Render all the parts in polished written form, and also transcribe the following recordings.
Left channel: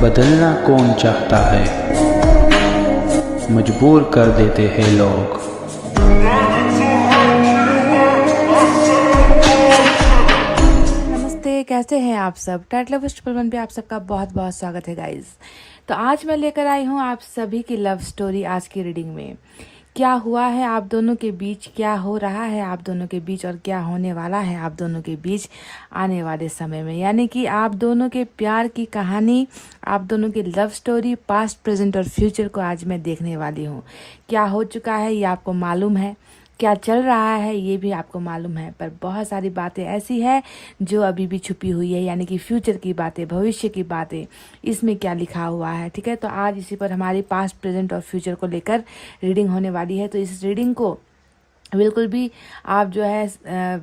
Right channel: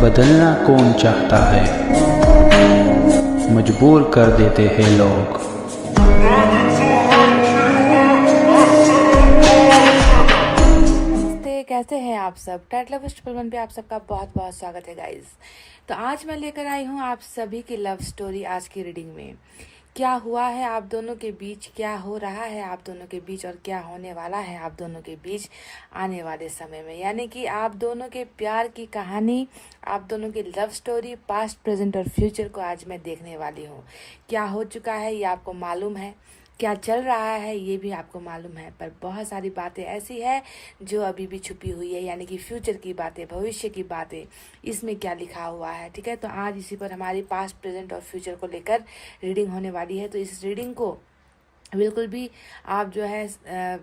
बदलना कौन चाहता है, मजबूर कर देते हैं लोग। नमस्ते, कैसे हैं आप सब। टाइट लव ट्रिपल वन पे आप सबका बहुत बहुत स्वागत है गाइस। तो आज मैं लेकर आई हूँ आप सभी की लव स्टोरी। आज की रीडिंग में क्या हुआ है आप दोनों के बीच, क्या हो रहा है आप दोनों के बीच और क्या होने वाला है आप दोनों के बीच आने वाले समय में, यानी कि आप दोनों के प्यार की कहानी, आप दोनों की लव स्टोरी, पास्ट, प्रेजेंट और फ्यूचर को आज मैं देखने वाली हूँ। क्या हो चुका है ये आपको मालूम है, क्या चल रहा है ये भी आपको मालूम है, पर बहुत सारी बातें ऐसी है जो अभी भी छुपी हुई है, यानी कि फ्यूचर की बातें, भविष्य की बातें, इसमें क्या लिखा हुआ है। ठीक है, तो आज इसी पर हमारी पास्ट, प्रेजेंट और फ्यूचर को लेकर रीडिंग होने वाली है। तो इस रीडिंग को बिल्कुल भी आप जो है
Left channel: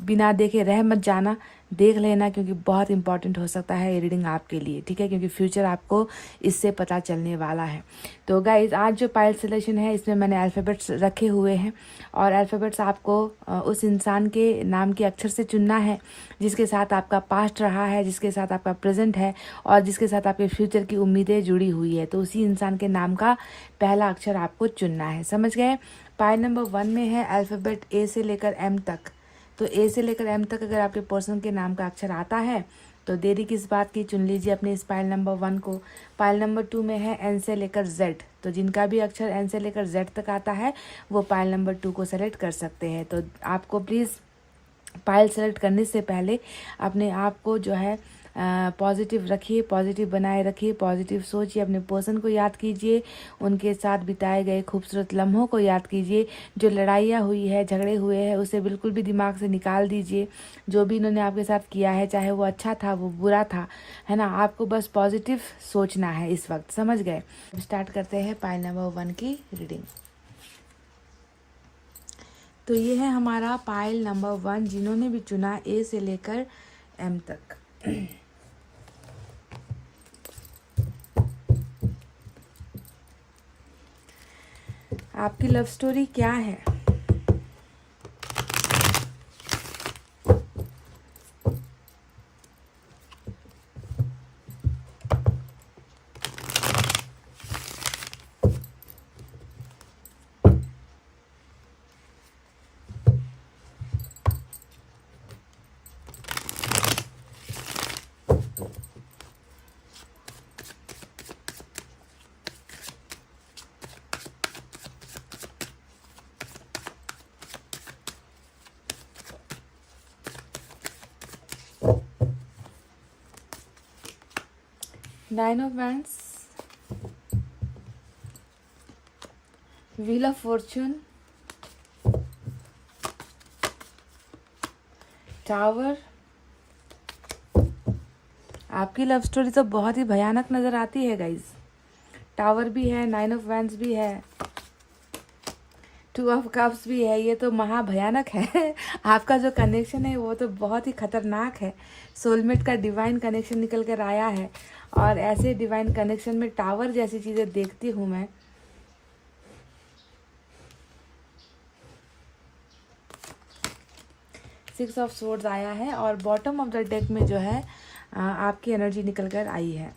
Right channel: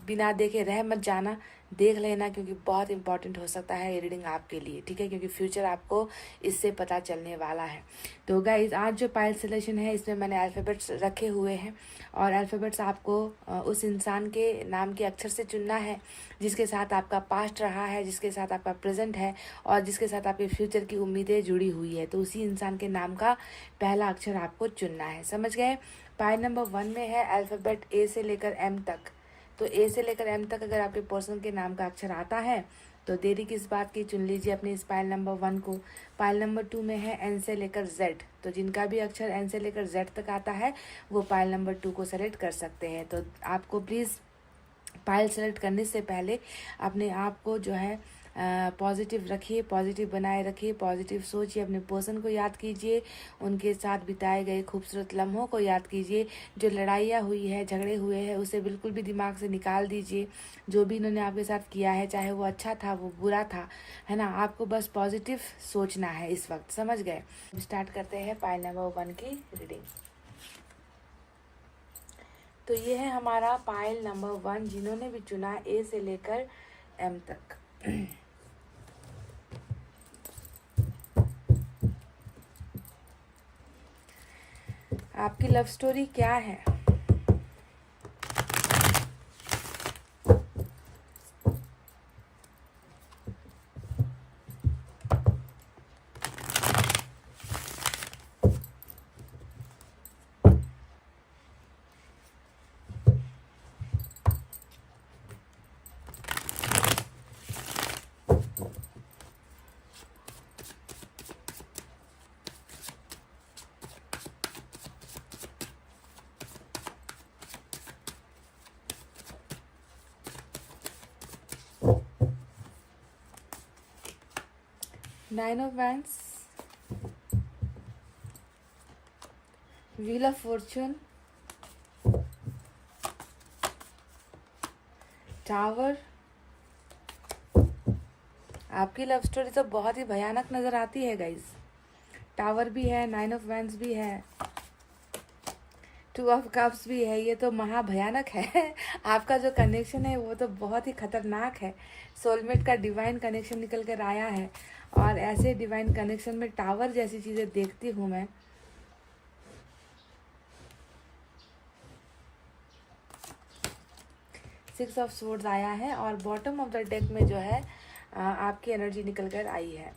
बिना देखे रह मत जाना, देख लेना, क्योंकि बहुत इंपॉर्टेंट हो सकता है ये रीडिंग आपके लिए। ठीक है, क्योंकि फ्यूचर आपको इससे पता चलने वाला है। तो गाइज, आज जो पाइल सिलेक्शन है इसमें मैंने अल्फ़ाबेट्स रखे हुए हैं और अल्फ़ाबेट्स आपको उस इंसान के नाम के अक्षर से चुनना है जिसके साथ आपका पास्ट रहा है, जिसके साथ आपका प्रेजेंट है और जिसके साथ आपके फ्यूचर की उम्मीदें जुड़ी हुई है। तो उसी इंसान के नाम का पहला अक्षर आपको चुनना है, समझ गए। पाइल नंबर 1 में है अल्फ़ाबेट ए से लेकर एम तक। तो ए से लेकर एम तक अगर आपके पर्सन के नाम का अक्षर आता है तो देरी किस बात की, चुन लीजिए अपने इस पाइल नंबर 1 को। पाइल नंबर 2 में है एन से लेकर जेड। तो जिनका भी अक्षर एन से लेकर जेड तक आता है वो पाइल नंबर 2 को सेलेक्ट कर सकते हैं। तो आपको प्लीज़ पाइल सेलेक्ट करने से पहले अपने आप को जो है पॉजिटिव रखिए, पॉजिटिव बनाए रखिए, पॉजिटिव सोचिए, अपने पर्सन को याद कीजिए, उनके साथ बिताए गए खूबसूरत लम्हों को याद कीजिए। जो लड़ाइयाँ हुई है, झगड़े हुए हैं, उसे बिल्कुल भी दिमाग से निकाल दीजिए। जो भी इन्होंने आपके साथ किया है, चाहे वो अच्छा था वो बुरा था, है ना, आपको बस पॉजिटिव सोचना है इस वक्त, समझ गए। स्टार्ट करते हैं पाइल नंबर 1 की रीडिंग। तो ये है हमारा पाइल नंबर 1, जिन्होंने भी चुना ए से लेकर एम तक। आपकी लव स्टोरी क्या है? Nine of wands, wheel of Fortune, tower. आपकी लव स्टोरी तो बहुत ही भयानक नजर आती है गाइज। टावर भी है, नाइन ऑफ वैंड्स भी है, 2 ऑफ कप्स भी है। ये तो महाभयानक है। आपका जो कनेक्शन है वो तो बहुत ही खतरनाक है। सोलमेट का डिवाइन कनेक्शन निकल कर आया है और ऐसे डिवाइन कनेक्शन में टावर जैसी चीज़ें देखती हूँ मैं। सिक्स ऑफ सोर्ड्स आया है और बॉटम ऑफ द डेक में जो है आपकी एनर्जी निकल कर आई है।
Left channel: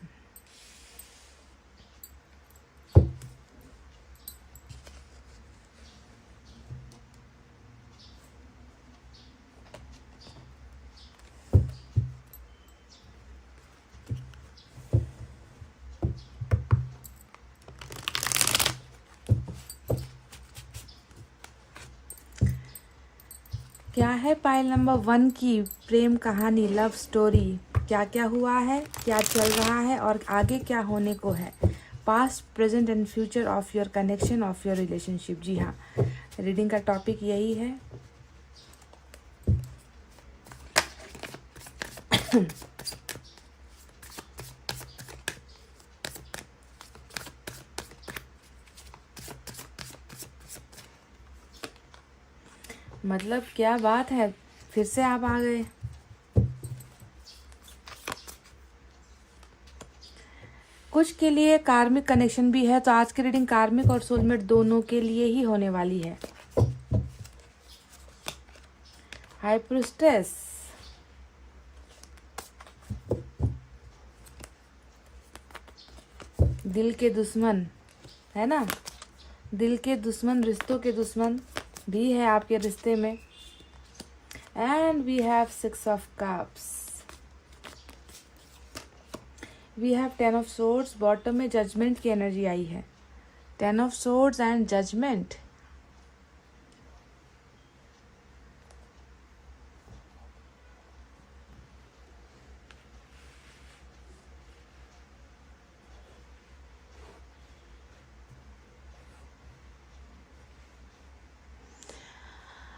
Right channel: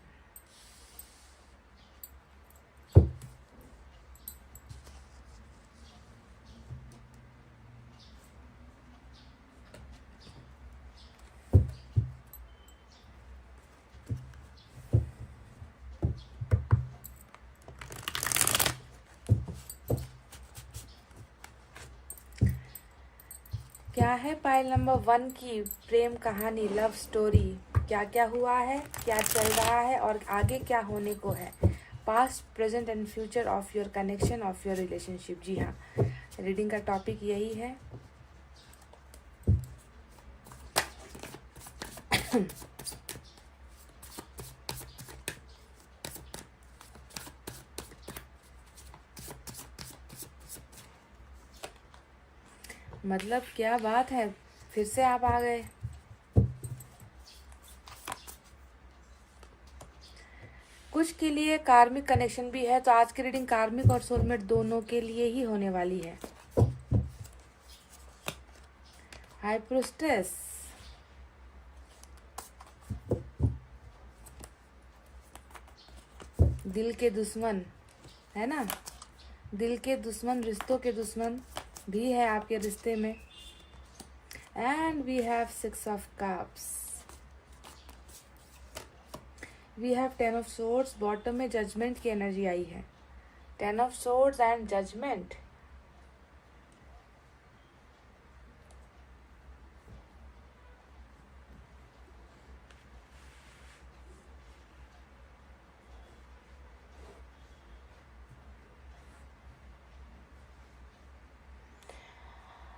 क्या है पाइल नंबर 1 की प्रेम कहानी, लव स्टोरी? क्या क्या हुआ है, क्या चल रहा है और आगे क्या होने को है? Past, present and future of your connection, of your relationship. जी हाँ, रीडिंग का टॉपिक यही है। मतलब क्या बात है, फिर से आप आ गए। कुछ के लिए कार्मिक कनेक्शन भी है, तो आज की रीडिंग कार्मिक और सोलमेट दोनों के लिए ही होने वाली है। हाई प्रीस्टेस, दिल के दुश्मन, है ना, दिल के दुश्मन, रिश्तों के दुश्मन भी है आपके रिश्ते में। And we have 6 of cups, we have 10 of swords. Bottom में जजमेंट की एनर्जी आई है, 10 of swords and judgment.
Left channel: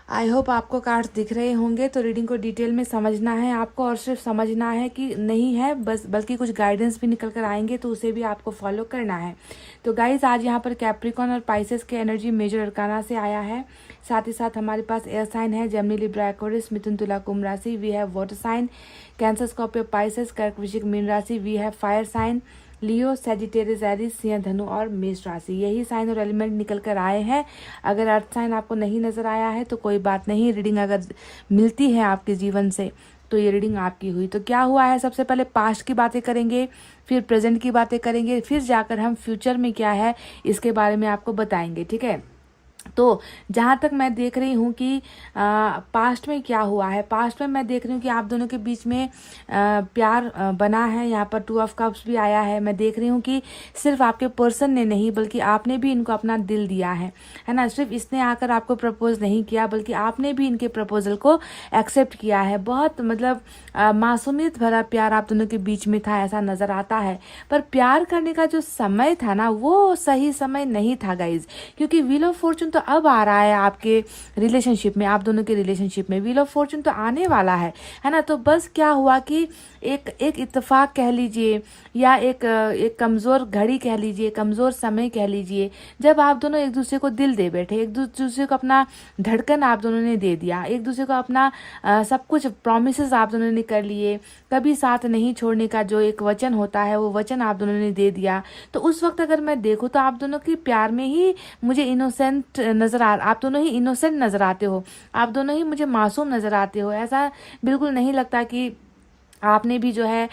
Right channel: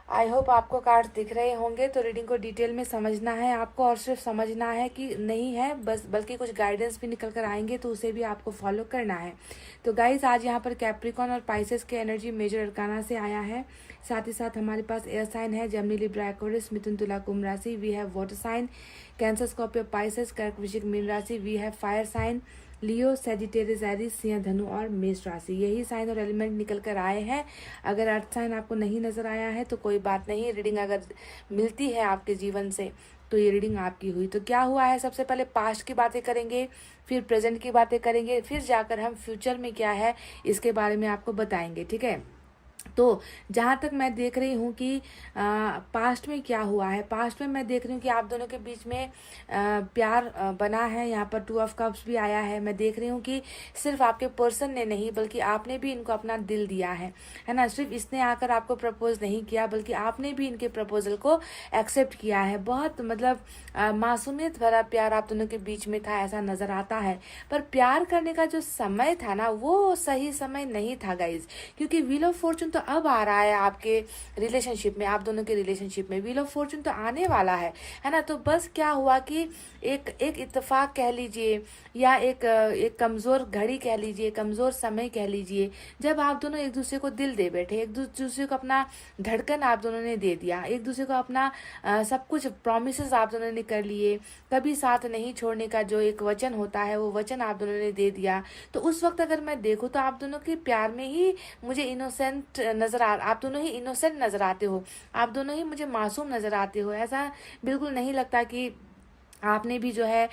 I hope आपको कार्ड्स दिख रहे होंगे। तो रीडिंग को डिटेल में समझना है आपको, और सिर्फ समझना है कि नहीं है बस, बल्कि कुछ गाइडेंस भी निकल कर आएंगे तो उसे भी आपको फॉलो करना है। तो गाइज आज यहाँ पर कैप्रिकॉन और पाइसेस की एनर्जी मेजर अरकाना से आया है। साथ ही साथ हमारे पास एयर साइन है, जेमिनी, लिब्रा, एक्वेरियस, मिथुन, तुला, कुंभ राशि। We have water sign, Cancer, Scorpio, Pisces, कर्क, वृश्चिक, मीन राशि। We have fire sign, Leo, Sagittarius, Aries, Singh, Dhanu और मेष राशि। यही साइन और एलिमेंट निकल कर आए हैं। अगर अर्थ साइन आपको नहीं नजर आया है तो कोई बात नहीं, रीडिंग अगर मिलती है आपके जीवन से तो ये रीडिंग आपकी हुई। तो क्या हुआ है, सबसे पहले पास्ट की बातें करेंगे, फिर प्रेजेंट की बातें करेंगे, फिर जाकर हम फ्यूचर में क्या है इसके बारे में आपको बताएंगे, ठीक है। तो जहाँ तक मैं देख रही हूँ कि पास्ट में क्या हुआ है, पास्ट में मैं देख रही हूँ कि आप दोनों के बीच में प्यार बना है। यहाँ पर 2 ऑफ कप्स भी आया है। मैं देख रही हूँ कि सिर्फ आपके पर्सन ने नहीं बल्कि आपने भी इनको अपना दिल दिया है ना। सिर्फ इसने आकर आपको प्रपोज नहीं किया बल्कि आपने भी इनके प्रपोजल को एक्सेप्ट किया है। बहुत मतलब मासूमियत भरा प्यार आप दोनों के बीच में था, ऐसा नजर आता है। पर प्यार करने का जो समय था ना वो सही समय नहीं था गाइज, क्योंकि व्हील ऑफ फॉर्चून तो अब आ रहा है आपके रिलेशनशिप में, आप दोनों के रिलेशनशिप में व्हील ऑफ फॉर्चून तो आने वाला है ना। तो बस क्या हुआ कि एक इत्तेफाक कह लीजिए या एक कमजोर घड़ी कह लीजिए, कमजोर समय कह लीजिए, जब आप दोनों एक दूसरे को दिल दे बैठे, एक दूसरे को अपना धड़कन आप दोनों ने दे दिया, एक दूसरे को अपना सब कुछ प्रॉमिसेस आप दोनों ने कर लिए, कभी साथ नहीं छोड़ने का जो एक वचन होता है वो वचन आप दोनों ने दे दिया। तो उस वक्त अगर मैं देखूं तो आप दोनों के प्यार में ही मुझे इनोसेंट नजर आप दोनों ही इनोसेंट नजर आते हो, आप दोनों ही मुझे मासूम नजर आते हो। ऐसा बिल्कुल नहीं लगता कि आपने भी जो है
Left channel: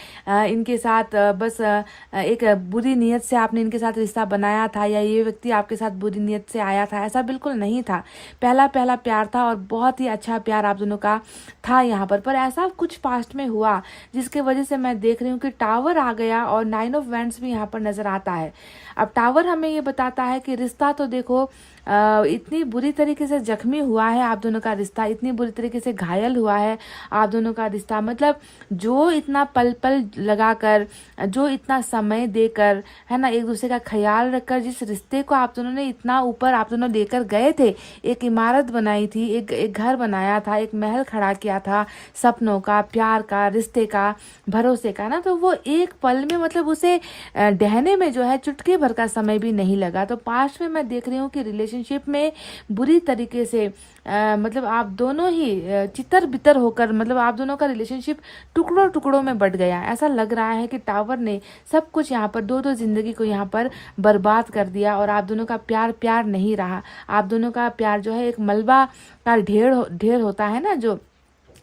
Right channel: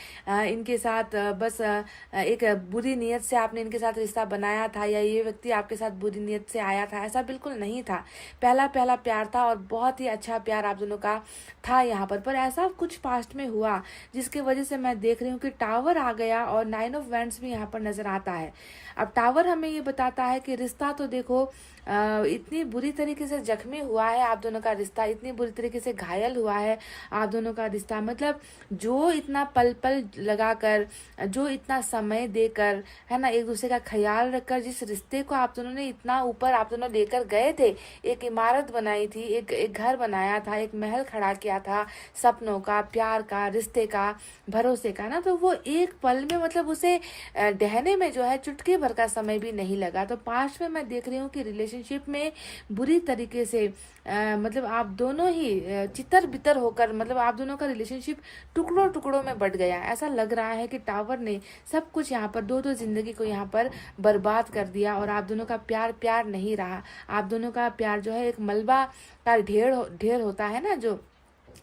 इनके साथ बस एक बुरी नीयत से आपने इनके साथ रिश्ता बनाया था या ये व्यक्ति आपके साथ बुरी नीयत से आया था, ऐसा बिल्कुल नहीं था। पहला प्यार था और बहुत ही अच्छा प्यार आप दोनों का था यहाँ पर ऐसा कुछ पास्ट में हुआ जिसके वजह से मैं देख रही हूँ कि टावर आ गया और 9 ऑफ वैंड्स भी यहाँ पर नजर आता है। अब टावर हमें ये बताता है कि रिश्ता तो देखो इतनी बुरी तरीके से जख्मी हुआ है आप दोनों का रिश्ता, इतनी बुरी तरीके से घायल हुआ है आप दोनों का रिश्ता। मतलब जो इतना पल पल लगाकर, जो इतना समय देकर, है ना, एक दूसरे का ख्याल रखकर जिस रिश्ते को आप दोनों ने इतना ऊपर आप दोनों लेकर गए थे, एक इमारत बनाई थी, एक घर बनाया था, एक महल खड़ा किया था सपनों का, प्यार का, रिश्ते का, भरोसे का ना, तो वो एक पल में मतलब उसे ढहने में जो है चुटकी भर का समय भी नहीं लगा। तो पास्ट में मैं देख रही हूँ कि रिलेशनशिप में बुरी तरीके से मतलब आप दोनों ही चितर बितर होकर, मतलब आप दोनों का रिलेशनशिप टुकड़ों टुकड़ों में बट गया। ऐसा लग रहा है कि टावर ने सब कुछ यहाँ पर दो जिंदगी को यहाँ पर बर्बाद कर दिया और आप दोनों का प्यार नहीं रहा। आप दोनों का प्यार जो है एक मलबा का ढेर होता है ना, जो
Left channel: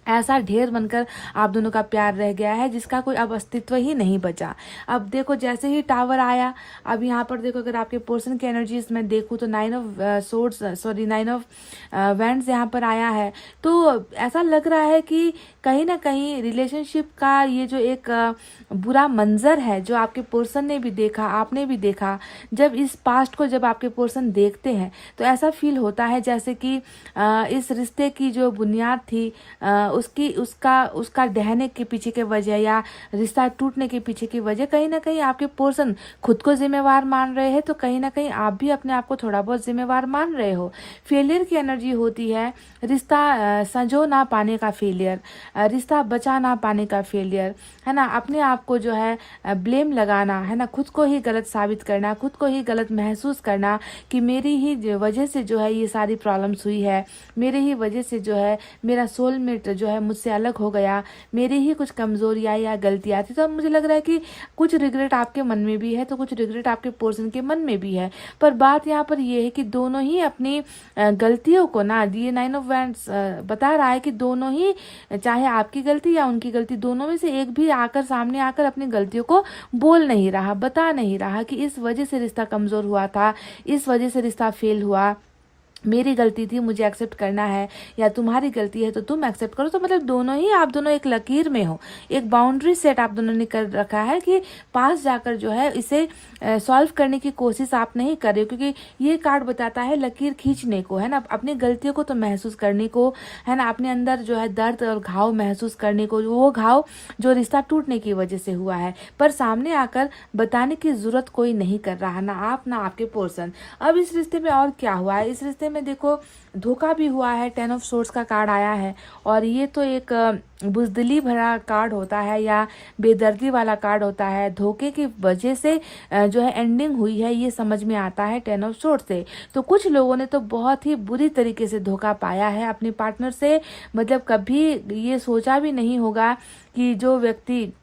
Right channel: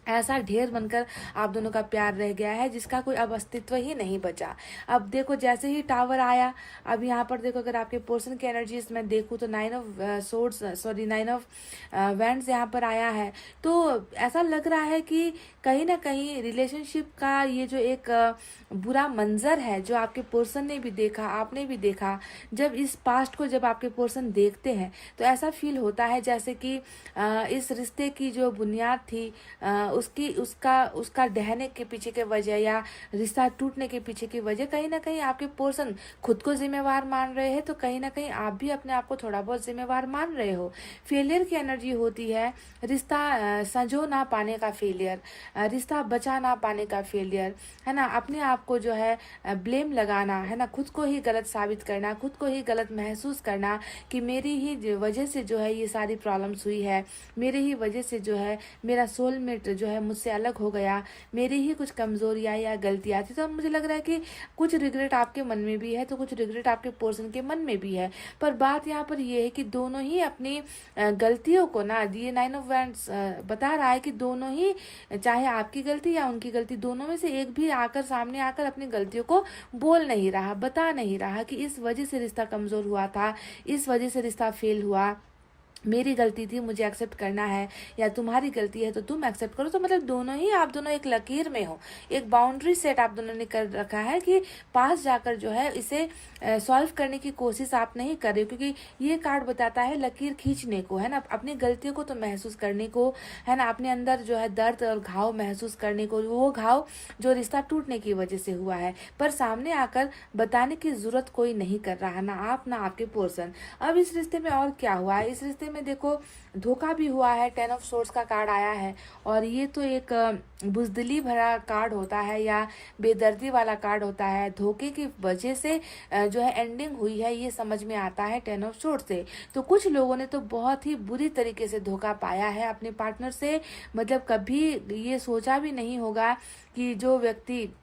ऐसा ढेर बनकर आप दोनों का प्यार रह गया है जिसका कोई अब अस्तित्व ही नहीं बचा। अब देखो जैसे ही टावर आया, अब यहाँ पर देखो अगर आपके पर्सन की एनर्जीज में देखूँ तो 9 ऑफ वैंड्स यहाँ पर आया है। तो ऐसा लग रहा है कि कहीं ना कहीं रिलेशनशिप का ये जो एक बुरा मंजर है जो आपके पर्सन ने भी देखा, आपने भी देखा, जब इस पास्ट को जब आपके पर्सन देखते हैं तो ऐसा फील होता है जैसे कि इस रिश्ते की जो बुनियाद थी उसका ढहने के पीछे की वजह या रिश्ता टूटने के पीछे की वजह कहीं ना कहीं आपके पर्सन खुद को जिम्मेवार मान रहे हैं, तो कहीं ना कहीं आप भी अपने आप को थोड़ा बहुत जिम्मेवार मान रहे हो। फेलियर की एनर्जी होती है, रिश्ता संजो ना पाने का फेलियर, रिश्ता बचा ना पाने का फेलियर, है ना, अपने आप को जो है ब्लेम लगाना, है ना, खुद को ही गलत साबित करना, खुद को ही गलत महसूस करना कि मेरी ही वजह से जो है ये सारी प्रॉब्लम्स हुई है, मेरे ही वजह से जो है मेरा सोलमेट जो है मुझसे अलग हो गया, मेरी ही कुछ कमजोरियां या गलतियां थी। तो अब मुझे लग रहा है कि कुछ रिग्रेट आपके मन में भी है, तो कुछ रिग्रेट आपके पर्सन के मन में भी है। पर बात यहाँ पर ये है कि दोनों ही अपनी गलतियों को ना, ये 9 ऑफ वैंड्स बता रहा है कि दोनों ही, चाहे आपकी गलती या उनकी गलती, दोनों में से एक भी आकर सामने आकर अपनी गलतियों को बोल नहीं रहा, बता नहीं रहा कि इस वजह से रिश्ता कमजोर हुआ था, इस वजह से रिश्ता फेल हुआ, मेरी गलती थी, मुझे एक्सेप्ट करना है, या तुम्हारी गलती है तो तुम एक्सेप्ट करो। तो मतलब दोनों ही, आप दोनों एक लकीर में हो, एक बाउंड्री सेट आप दोनों ने कर रखा है कि पास जाकर जो है इसे सॉल्व करने की कोशिश आप नहीं कर रहे हो, क्योंकि ये कार्ड बताता है लकीर खींचने को, है ना, अपनी गलतियों को तो महसूस करने को, है ना, अपने अंदर जो है दर्द और घाव महसूस करने को, वो घाव जो रिश्ता टूटने की वजह से हुआ है, पर सामने आकर बताने की जरूरत कोई नहीं कर रहा, ना आप ना आपके पर्सन। अब इस रिश्ते में और क्या हुआ है, इस रिश्ते में देखो धोखा भी हुआ है, 10 ऑफ सोर्ड्स का कार्ड आया है, और ये तो एक बुजदिली भरा कार्ड होता है या बेदर्दी वाला कार्ड होता है। धोखे की वजह से जो है एंडिंग हुई है, ये समझ में आता है 10 ऑफ सोर्ड्स से। तो कुछ लोगों ने तो बहुत ही बुरी तरीके से धोखा पाया है अपने पार्टनर से, मतलब कभी ये सोचा भी नहीं होगा कि जो व्यक्ति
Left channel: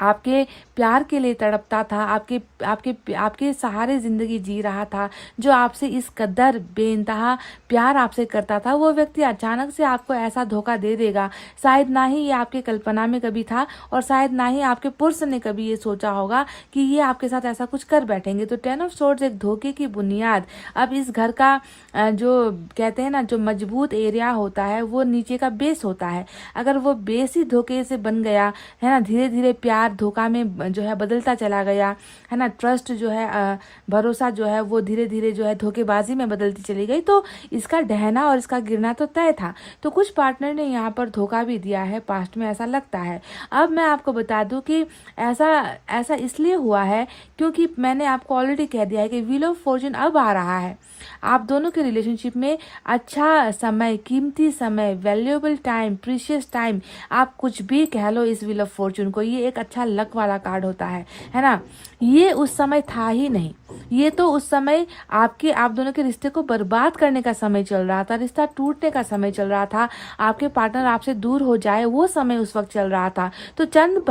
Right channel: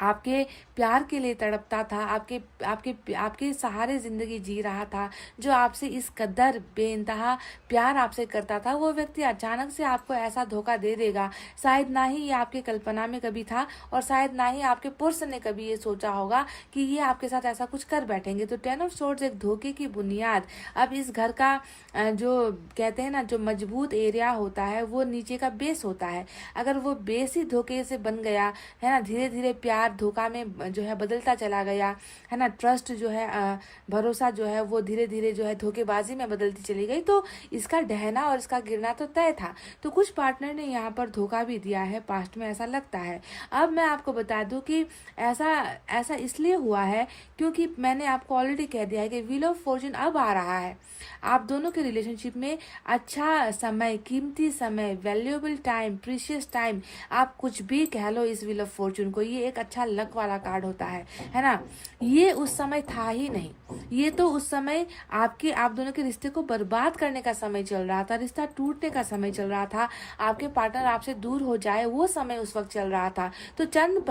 आपके प्यार के लिए तड़पता था, आपके आपके आपके सहारे जिंदगी जी रहा था, जो आपसे इस कदर बेइंतहा प्यार आपसे करता था, वो व्यक्ति अचानक से आपको ऐसा धोखा दे देगा। शायद ना ही ये आपके कल्पना में कभी था, और शायद ना ही आपके पर्सन ने कभी ये सोचा होगा कि ये आपके साथ ऐसा कुछ कर बैठेंगे। तो 10 ऑफ सोर्ड्स एक धोखे की बुनियाद। अब इस घर का जो कहते हैं ना, जो मजबूत एरिया होता है वो नीचे का बेस होता है। अगर वो बेस ही धोखे से बन गया, है ना, धीरे धीरे प्यार धोखा में जो है बदलता चला गया, है ना, ट्रस्ट जो है, भरोसा जो है वो धीरे धीरे जो है धोखेबाजी में बदलती चली गई, तो इसका ढहना और इसका गिरना तो तय था। तो कुछ पार्टनर ने यहाँ पर धोखा भी दिया है, पास्ट में ऐसा लगता है। अब मैं आपको बता दूं कि ऐसा इसलिए हुआ है क्योंकि मैंने आपको ऑलरेडी कह दिया है कि व्हील ऑफ फॉर्च्यून अब आ रहा है। आप दोनों के रिलेशनशिप में अच्छा समय, कीमती समय, वैल्यूएबल टाइम, प्रीशियस टाइम, आप कुछ भी कह लो इस व्हील ऑफ फॉर्च्यून को, ये एक अच्छा लक वाला कार्ड होता है ना। ये उस समय था ही नहीं, ये तो उस समय आप दोनों के रिश्ते को बर्बाद करने का समय चल रहा था, रिश्ता टूटने का समय चल रहा था, आपके पार्टनर आपसे दूर हो जाए वो समय उस वक्त चल रहा था। तो चंद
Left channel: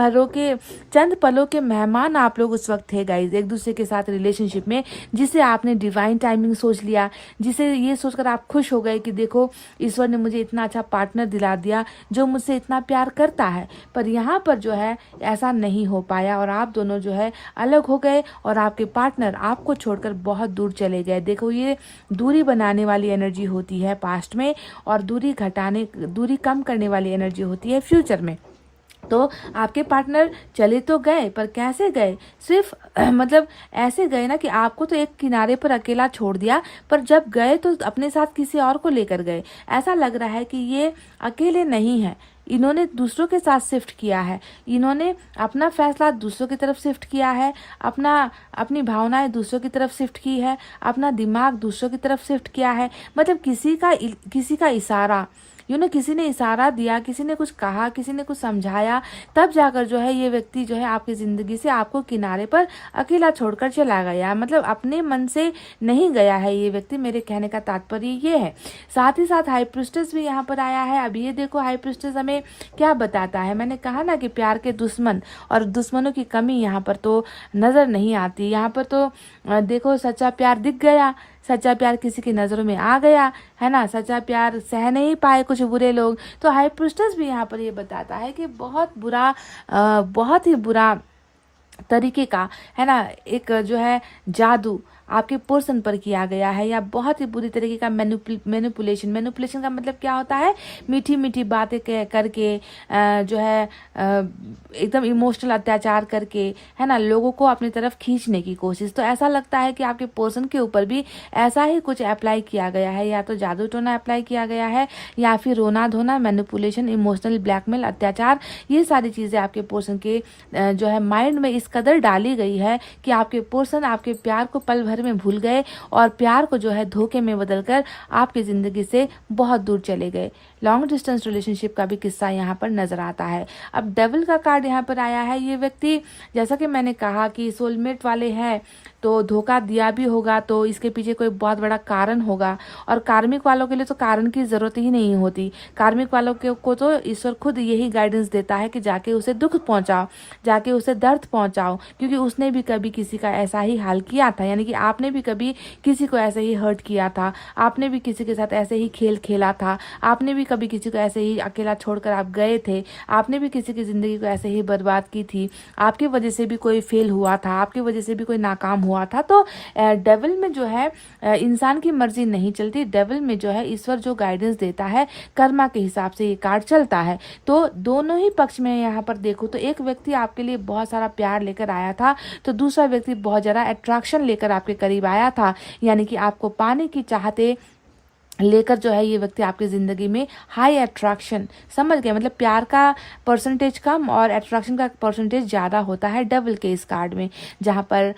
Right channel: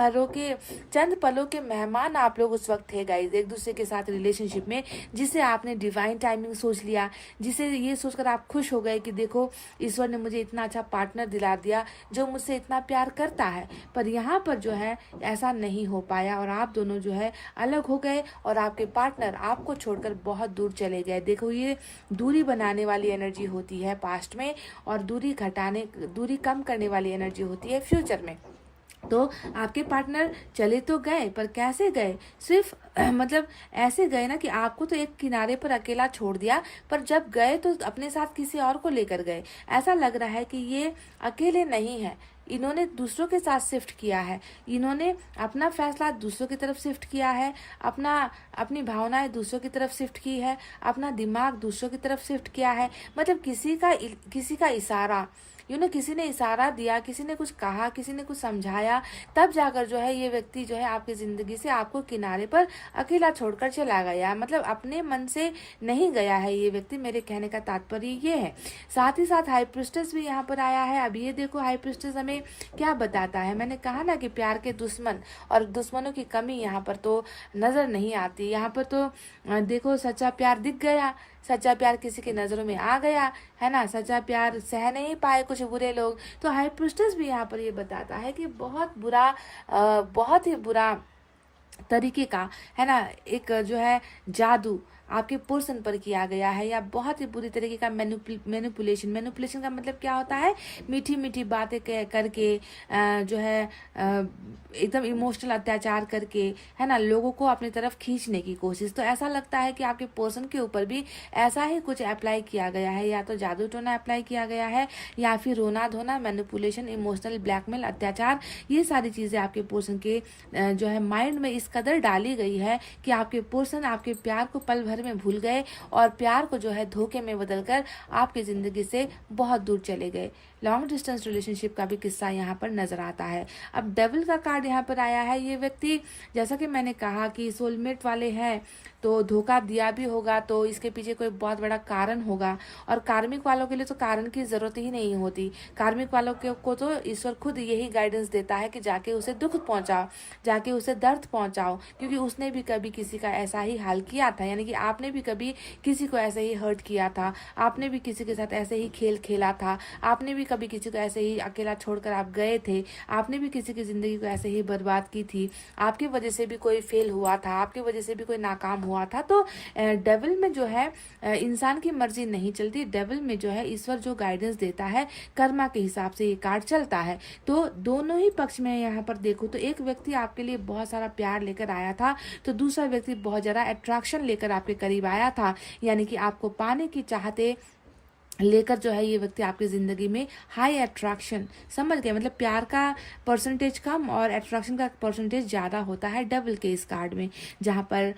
पलों के मेहमान आप लोग उस वक्त थे गाइज, एक दूसरे के साथ रिलेशनशिप में, जिसे आपने डिवाइन टाइमिंग सोच लिया, जिसे ये सोचकर आप खुश हो गए कि देखो ईश्वर ने मुझे इतना अच्छा पार्टनर दिला दिया जो मुझसे इतना प्यार करता है। पर यहाँ पर जो है ऐसा नहीं हो पाया, और आप दोनों जो है अलग हो गए, और आपके पार्टनर आपको छोड़कर बहुत दूर चले गए। देखो ये दूरी बनाने वाली एनर्जी होती है पास्ट में, और दूरी कम करने वाली एनर्जी होती है फ्यूचर में। तो आपके पार्टनर चले तो गए, पर कैसे गए, सिर्फ मतलब ऐसे गए ना कि आपको तो एक किनारे पर अकेला छोड़ दिया, पर जब गए तो अपने साथ किसी और को लेकर गए। ऐसा लग रहा है कि ये अकेले नहीं है, इन्होंने दूसरों के साथ शिफ्ट किया है, इन्होंने अपना फैसला दूसरों की तरफ शिफ्ट किया है, अपनी भावनाएं दूसरों की तरफ शिफ्ट की है, अपना दिमाग दूसरों की तरफ शिफ्ट किया है। मतलब किसी का इशारा, किसी ने इशारा दिया, किसी ने कुछ कहा, किसी ने कुछ समझाया, तब जाकर जो है ये व्यक्ति जो है आपकी जिंदगी से आपको किनारे पर अकेला छोड़कर चला गया। मतलब अपने मन से नहीं गया है ये व्यक्ति, मेरे कहने का तात्पर्य ये है। साथ ही साथ हाई प्रीस्टेस भी यहाँ पर आया है। अब ये देखो हाई प्रीस्टेस हमें क्या बताता है। मैंने कहा ना कि प्यार के दुश्मन और दुश्मनों की कमी यहाँ पर तो नजर नहीं आती। यहाँ पर तो देखो सच्चा प्यार दिख गया, सच्चा प्यार किसी की नजरों में आ गया, है ना, सच्चा प्यार सह नहीं पाए कुछ बुरे लोग। तो हाई प्रीस्टेस भी यहाँ पर ये बताता है कि बहुत ही बुरा तरीके का, है ना, एक जो है जादू आपके पर्सन पर किया गया है, या बहुत ही बुरी तरीके का मैनिपुलेशन का मतलब क्या होता है, मीठी मीठी बातें करके जो है एकदम इमोशनल अत्याचार करके, है ना, लोगों को अपनी तरफ खींचने की कोशिश। तो ऐसा लगता है कि आपके पर्सन के ऊपर भी ऐसा ही कुछ अप्लाई किया गया है, या तो जादू टोना अप्लाई किया गया है, या फिर रोना धोना, मैनिपुलेशन, इमोशनल ब्लैकमेल, अत्याचार, ये सारी चीजें आपके पर्सन के जो है माइंड में इस कदर डाली गई है कि आपके पर्सन आपके प्यार को पल भर भर में भूल गए और प्यार को जो है धोखे में बदलकर आपकी जिंदगी से बहुत दूर चले गए। लॉन्ग डिस्टेंस रिलेशनशिप का भी किस्सा यहाँ पर नजर आता है। अब डेविल का कार्ड यहाँ पर आया है। ये व्यक्ति, जैसा कि मैंने कहा कि सोलमेट वाले हैं, तो धोखा दिया भी होगा तो इसके पीछे कोई बहुत बड़ा कारण होगा। और कार्मिक वालों के लिए तो कारण की जरूरत ही नहीं होती। कार्मिक वालों को तो ईश्वर खुद यही गाइडेंस देता है कि जाके उसे दुख पहुंचाओ, जाके उसे दर्द पहुंचाओ, क्योंकि उसने भी कभी किसी का ऐसा ही हाल किया था। यानी कि आपने भी कभी किसी को ऐसे ही हर्ट किया था, आपने भी किसी के साथ ऐसे ही खेल खेला था, आपने भी कभी किसी को ऐसे ही अकेला छोड़कर आप गए थे, आपने भी किसी की जिंदगी को ऐसे ही बर्बाद की थी, आपकी वजह से भी कोई फेल हुआ था, आपकी वजह से भी कोई नाकाम हुआ था। तो डेविल में जो है इंसान की मर्जी नहीं चलती। डेविल में जो है ईश्वर जो गाइडेंस देता है, कर्मा के हिसाब से ये कार्ड चलता है। तो दोनों ही पक्ष में यहाँ पर देखो तो एक व्यक्ति आपके लिए बहुत सारा प्यार लेकर आया था, तो दूसरा व्यक्ति बहुत ज्यादा अट्रैक्शन लेकर आपके करीब आया था। यानी कि आपको पाने की चाहते लेकर जो है ये व्यक्ति आपकी जिंदगी में हाई अट्रैक्शन, समझ गए, मतलब प्यार का परसेंटेज कम और अट्रैक्शन का परसेंटेज ज़्यादा होता है डेविल के इस कार्ड में, जहाँ पर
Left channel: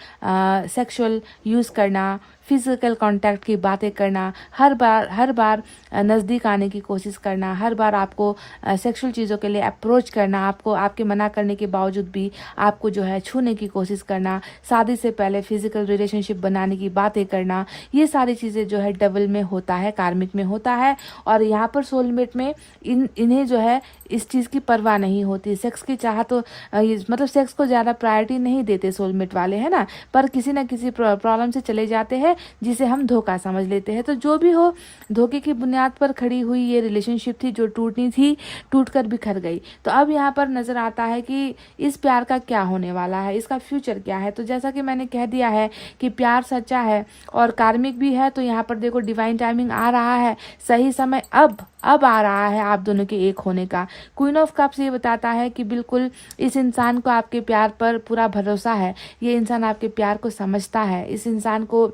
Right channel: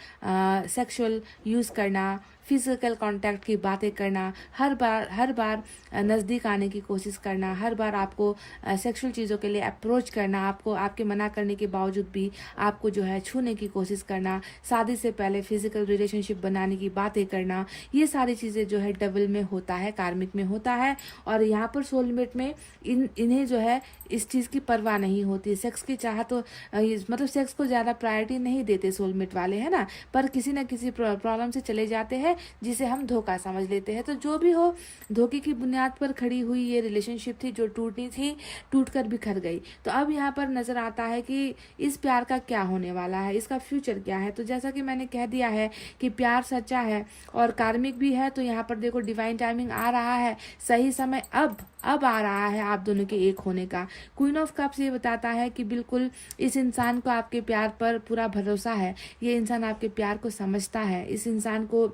सेक्सुअल यूज़ करना, फिजिकल कांटेक्ट की बातें करना, हर बार नज़दीक आने की कोशिश करना, हर बार आपको सेक्सुअल चीज़ों के लिए अप्रोच करना, आपको आपके मना करने के बावजूद भी आपको जो है छूने की कोशिश करना, शादी से पहले फिजिकल रिलेशनशिप बनाने की बातें करना, ये सारी चीज़ें जो है डेविल में होता है, कार्मिक में होता है। और यहाँ पर सोलमेट में इन्हें जो है इस चीज़ की परवाह नहीं होती। सेक्स की चाह तो मतलब सेक्स को ज़्यादा प्रायोरिटी नहीं देते सोलमेट वाले, है ना, पर किसी न किसी प्रॉब्लम से चले जाते हैं जिसे हम धोखा समझ लेते हैं। तो जो भी हो, धोखे की बुनियाद पर खड़ी हुई ये रिलेशनशिप थी जो टूटनी थी, टूटकर बिखर गई। तो अब यहाँ पर नजर आता है कि इस प्यार का क्या होने वाला है, इसका फ्यूचर क्या है। तो जैसा कि मैंने कह दिया है कि प्यार सच्चा है और कार्मिक भी है, तो यहाँ पर देखो डिवाइन टाइमिंग आ रहा है, सही समय अब आ रहा है आप दोनों के एक होने का। क्वीन ऑफ कप्स ये बताता है कि बिल्कुल इस इंसान को आपके प्यार पर पूरा भरोसा है, ये इंसान आपके प्यार को समझता है, इस इंसान को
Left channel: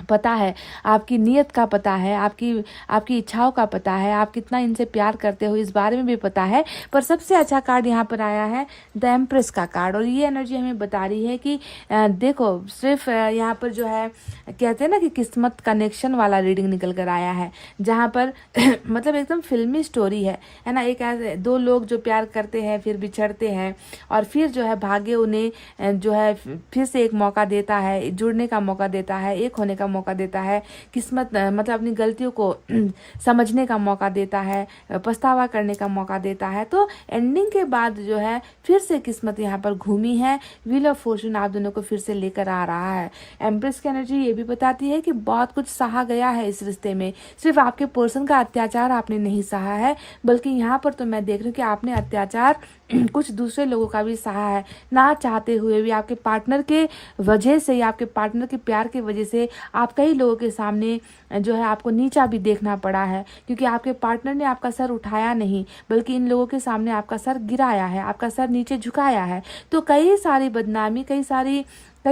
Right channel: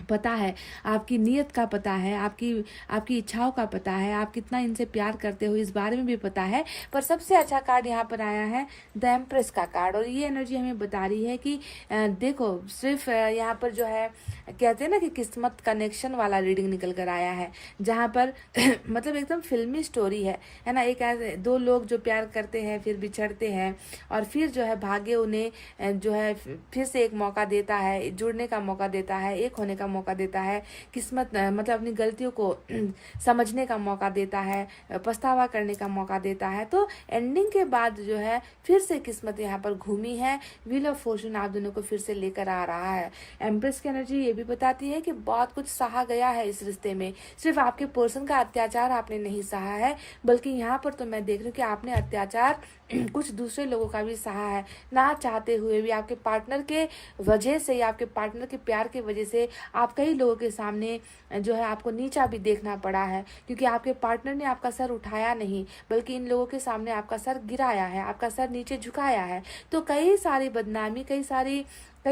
पता है, आपकी नीयत का पता है, आपकी इच्छाओं का पता है, आप कितना इनसे प्यार करते हो इस बारे में भी पता है। पर सबसे अच्छा कार्ड यहाँ पर आया है द एम्प्रेस का कार्ड, और ये एनर्जी हमें बता रही है कि देखो सिर्फ यहाँ पर जो है कहते हैं ना कि किस्मत कनेक्शन वाला रीडिंग निकल कर आया है, जहाँ पर मतलब एकदम फिल्मी स्टोरी है ना। एक ऐसे दो लोग जो प्यार करते हैं, फिर बिछड़ते हैं, और फिर जो है भाग्य उन्हें जो है फिर से एक मौका देता है, जुड़ने का मौका देता है, एक होने का मौका देता है, किस्मत मतलब अपनी गलतियों को समझने का मौका देता है, पछतावा करने का मौका देता है। तो एंडिंग के बाद जो है फिर से किस्मत यहाँ पर घूमी है, व्हील ऑफ फॉर्चून आप दोनों को फिर से लेकर आ रहा है। एम्प्रेस की एनर्जी ये भी बताती है कि बहुत कुछ सहा गया है इस रिश्ते में, सिर्फ आपके पर्सन का अत्याचार आपने नहीं सहा है, बल्कि यहाँ पर तो मैं देख रही हूँ कि आपने अत्याचार कुछ दूसरे लोगों का भी सहा है, ना चाहते हुए भी, आपके पार्टनर के वजह से या आपके पार्टनर के प्यार की वजह से आप कई लोगों के सामने जो है आपको नीचा भी देखना पड़ा है, क्योंकि आपके पार्टनर ने आपका सर उठाया नहीं, बल्कि इन लोगों के सामने आपका सर गिराया है, आपका सर नीचे झुकाया है। तो कई सारी बदनामी, कई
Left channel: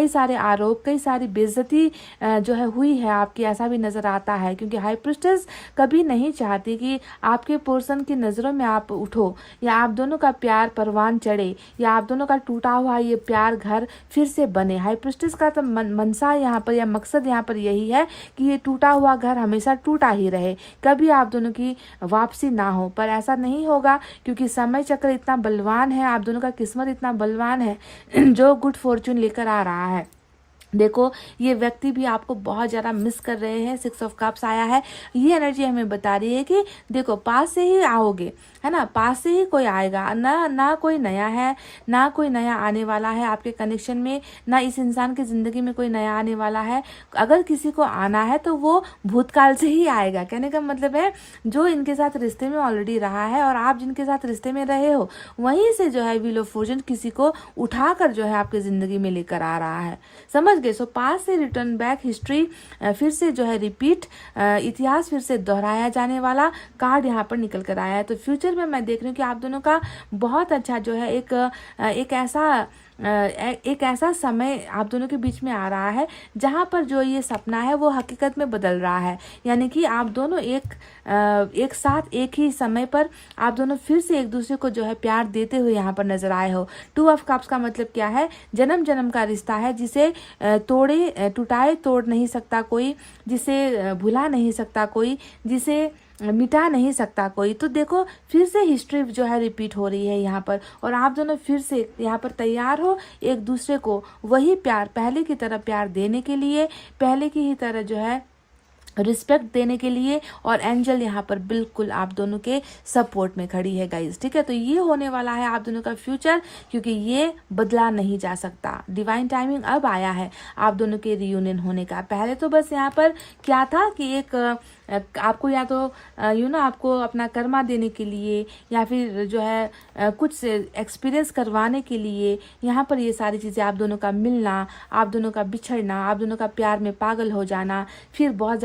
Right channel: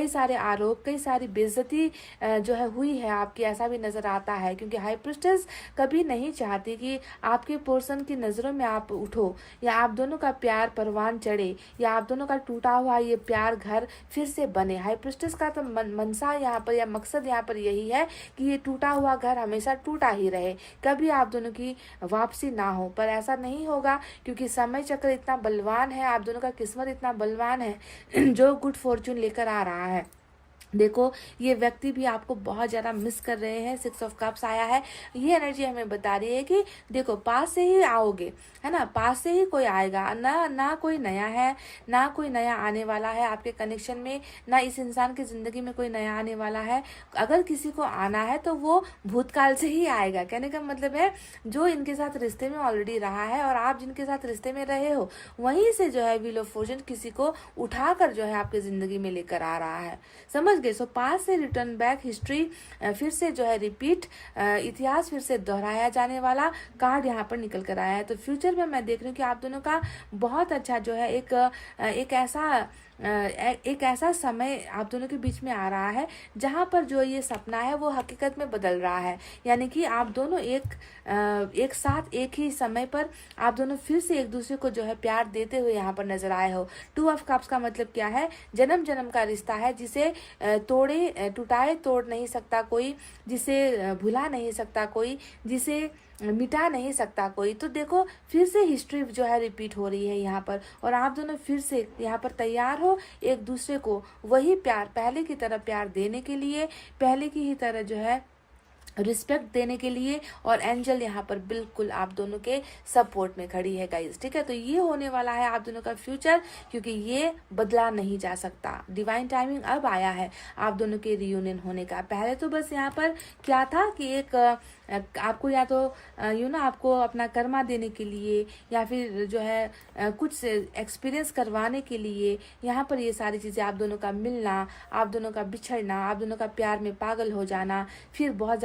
सारे आरोप, कई सारी बेइज्जती जो है हुई है आपकी, ऐसा भी नजर आता है। क्योंकि हाई प्रीस्टेस कभी नहीं चाहती कि आपके पर्सन की नजरों में आप उठो, या आप दोनों का प्यार परवान चढ़े, या आप दोनों का टूटा हुआ ये प्यार घर फिर से बने। हाई प्रीस्टेस का तो मनसा यहाँ पर या मकसद यहाँ पर यही है कि ये टूटा हुआ घर हमेशा टूटा ही रहे, कभी आप दोनों की वापसी ना हो। पर ऐसा नहीं होगा, क्योंकि समय चक्र इतना बलवान है, आप दोनों का किस्मत इतना बलवान है जो गुड फॉर्चून लेकर आ रहा है। देखो ये व्यक्ति भी आपको बहुत ज़्यादा मिस कर रहे हैं, 6 ऑफ कप्स आया है। ये एनर्जी हमें बता रही है कि देखो पास से ही आओगे, है ना, पास से ही कोई आएगा, ना कोई नया है, ना कोई नया आने वाला है आपके कनेक्शन में, ना इस इंसान की ज़िंदगी में कोई नया आने वाला है। अगर किसी को आना है तो वो भूतकाल से ही आएगा। कहने का मतलब है जो इनके साथ रिश्ते में ऑलरेडी रहा है और आप जिनके साथ रिश्ते में रहे हो, वहीं से जो है व्हील ऑफ फॉर्चून किसी को उठाकर जो है आपकी ज़िंदगी में लेकर आ रहा है, समझ गए। सो पास से रिटर्न बैक, हिस्ट्री फिर से जो है रिपीट, इतिहास फिर से दोहराया जाने वाला कार्ड यहाँ पर निकल कर आया है। तो फ्यूचर में मैं देख रही हूँ कि आप दोनों का बहुत अच्छा जो है एक ऐसा एक ऐसा समय आप दोनों के बीच में आ रहा है जहाँ पर जो ये सपना है वो हकीकत में बदल रहा है। यानी कि आप दोनों एक साथ एक ही समय पर आप दोनों फिर से एक दूसरे को जो है प्यार देते हुए यहाँ पर नजर आए हो। 2 ऑफ कप्स का मतलब क्या है? जन्म जन्म का रिश्ता है, जिसे टूटाए तोड़ नहीं सकता कोई, जिसे भुला नहीं सकता कोई, जिसे मिटा नहीं सकता कोई। तो देखो फिर से हिस्ट्री जो है रिपीट हो रही है यहाँ पर, और आप दोनों फिर से यहाँ पर तैयार हो एक दूसरे को वही प्यार, पहले की तरह प्यार देने के लिए, पहले की ही तरह जो है रिस्पेक्ट देने के लिए। और एंजल यहाँ पर बिल्कुल आप दोनों के सपोर्ट में खड़ी है गाइज, ठीक है। तो ये होने वाला है आप दोनों का फ्यूचर, क्योंकि ये बदला नहीं जा सकता। डिवाइन टाइमिंग अब आया है आप दोनों के रियूनियन होने का। पहले तो बस यहाँ पर क्या था कि एक आपको या तो आपको अपना कर्मा देने के लिए, या फिर जो है कुछ एक्सपीरियंस करवाने के लिए यहाँ पर ये सारी चीज़ें, आप दोनों का मिलना, आप दोनों का बिछड़ना, आप दोनों का प्यार में पागल हो जाना, फिर बहुत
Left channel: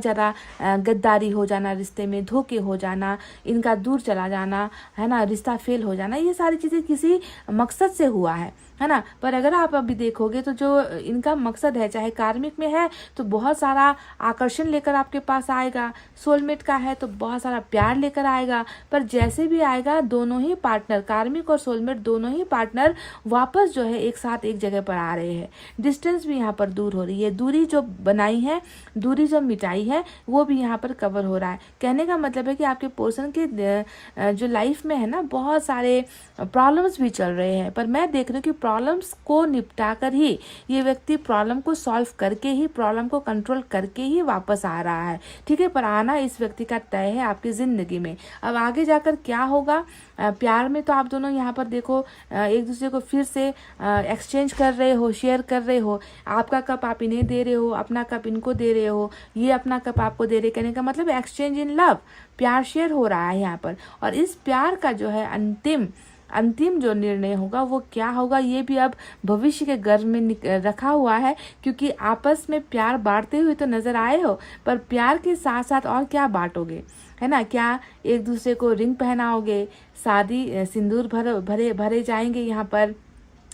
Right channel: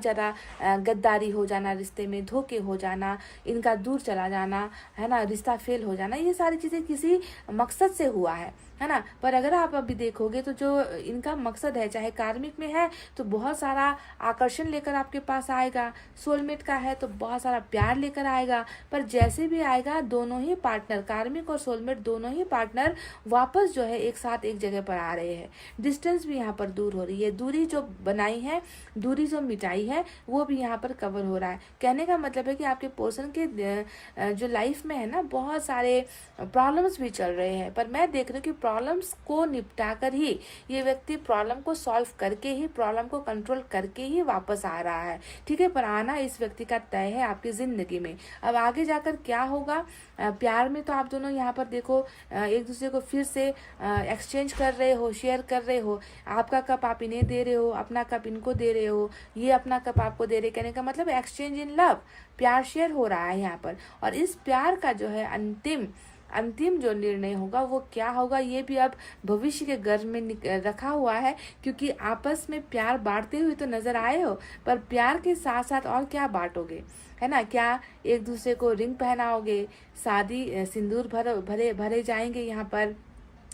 ज़्यादा गद्दारी हो जाना, रिश्ते में धोखे हो जाना, इनका दूर चला जाना, है ना, रिश्ता फेल हो जाना, ये सारी चीज़ें किसी मकसद से हुआ है ना। पर अगर आप अभी देखोगे तो जो इनका मकसद है, चाहे कार्मिक में है तो बहुत सारा आकर्षण लेकर आपके पास आएगा, सोलमेट का है तो बहुत सारा प्यार लेकर आएगा। पर जैसे भी आएगा, दोनों ही पार्टनर, कार्मिक और सोलमेट दोनों ही पार्टनर वापस जो है एक साथ एक जगह पर आ रहे हैं। डिस्टेंस भी यहाँ पर दूर हो रही है, दूरी जो बनाई है, दूरी जो मिटाई है, वो भी यहाँ पर कवर हो रहा है। कहने का मतलब है कि आपके पर्सन के जो लाइफ में है ना, बहुत सारे प्रॉब्लम्स भी चल रहे हैं, पर मैं देख रही हूँ कि प्रॉब्लम्स को निपटा कर ही ये व्यक्ति, प्रॉब्लम को सॉल्व करके ही, प्रॉब्लम को कंट्रोल करके ही वापस आ रहा है, ठीक है। पर आना इस व्यक्ति का तय है आपकी जिंदगी में। अब आगे जाकर क्या होगा प्यार में, तो आप दोनों यहाँ पर देखो एक दूसरे को फिर से एक्सचेंज कर रहे हो, शेयर कर रहे हो। आपका कप आप इन्हें दे रहे हो, अपना कप इनको दे रहे हो, ये अपना कप आपको दे रहे। कहने का मतलब एक्सचेंज इन लव, प्यार शेयर हो रहा है यहाँ पर। और इस प्यार का जो है अंतिम जो निर्णय होगा वो क्या होगा, ये भी अब भविष्य के गर्भ में रखा हुआ है, क्योंकि आपस में प्यार बांटते हुए तो नजर आए हो, पर प्यार के साथ साथ और क्या बांटोगे, है ना। क्या एक दूसरे को रिंग पहनाओगे, शादी सिंदूर भरे जाएंगे यहाँ पर,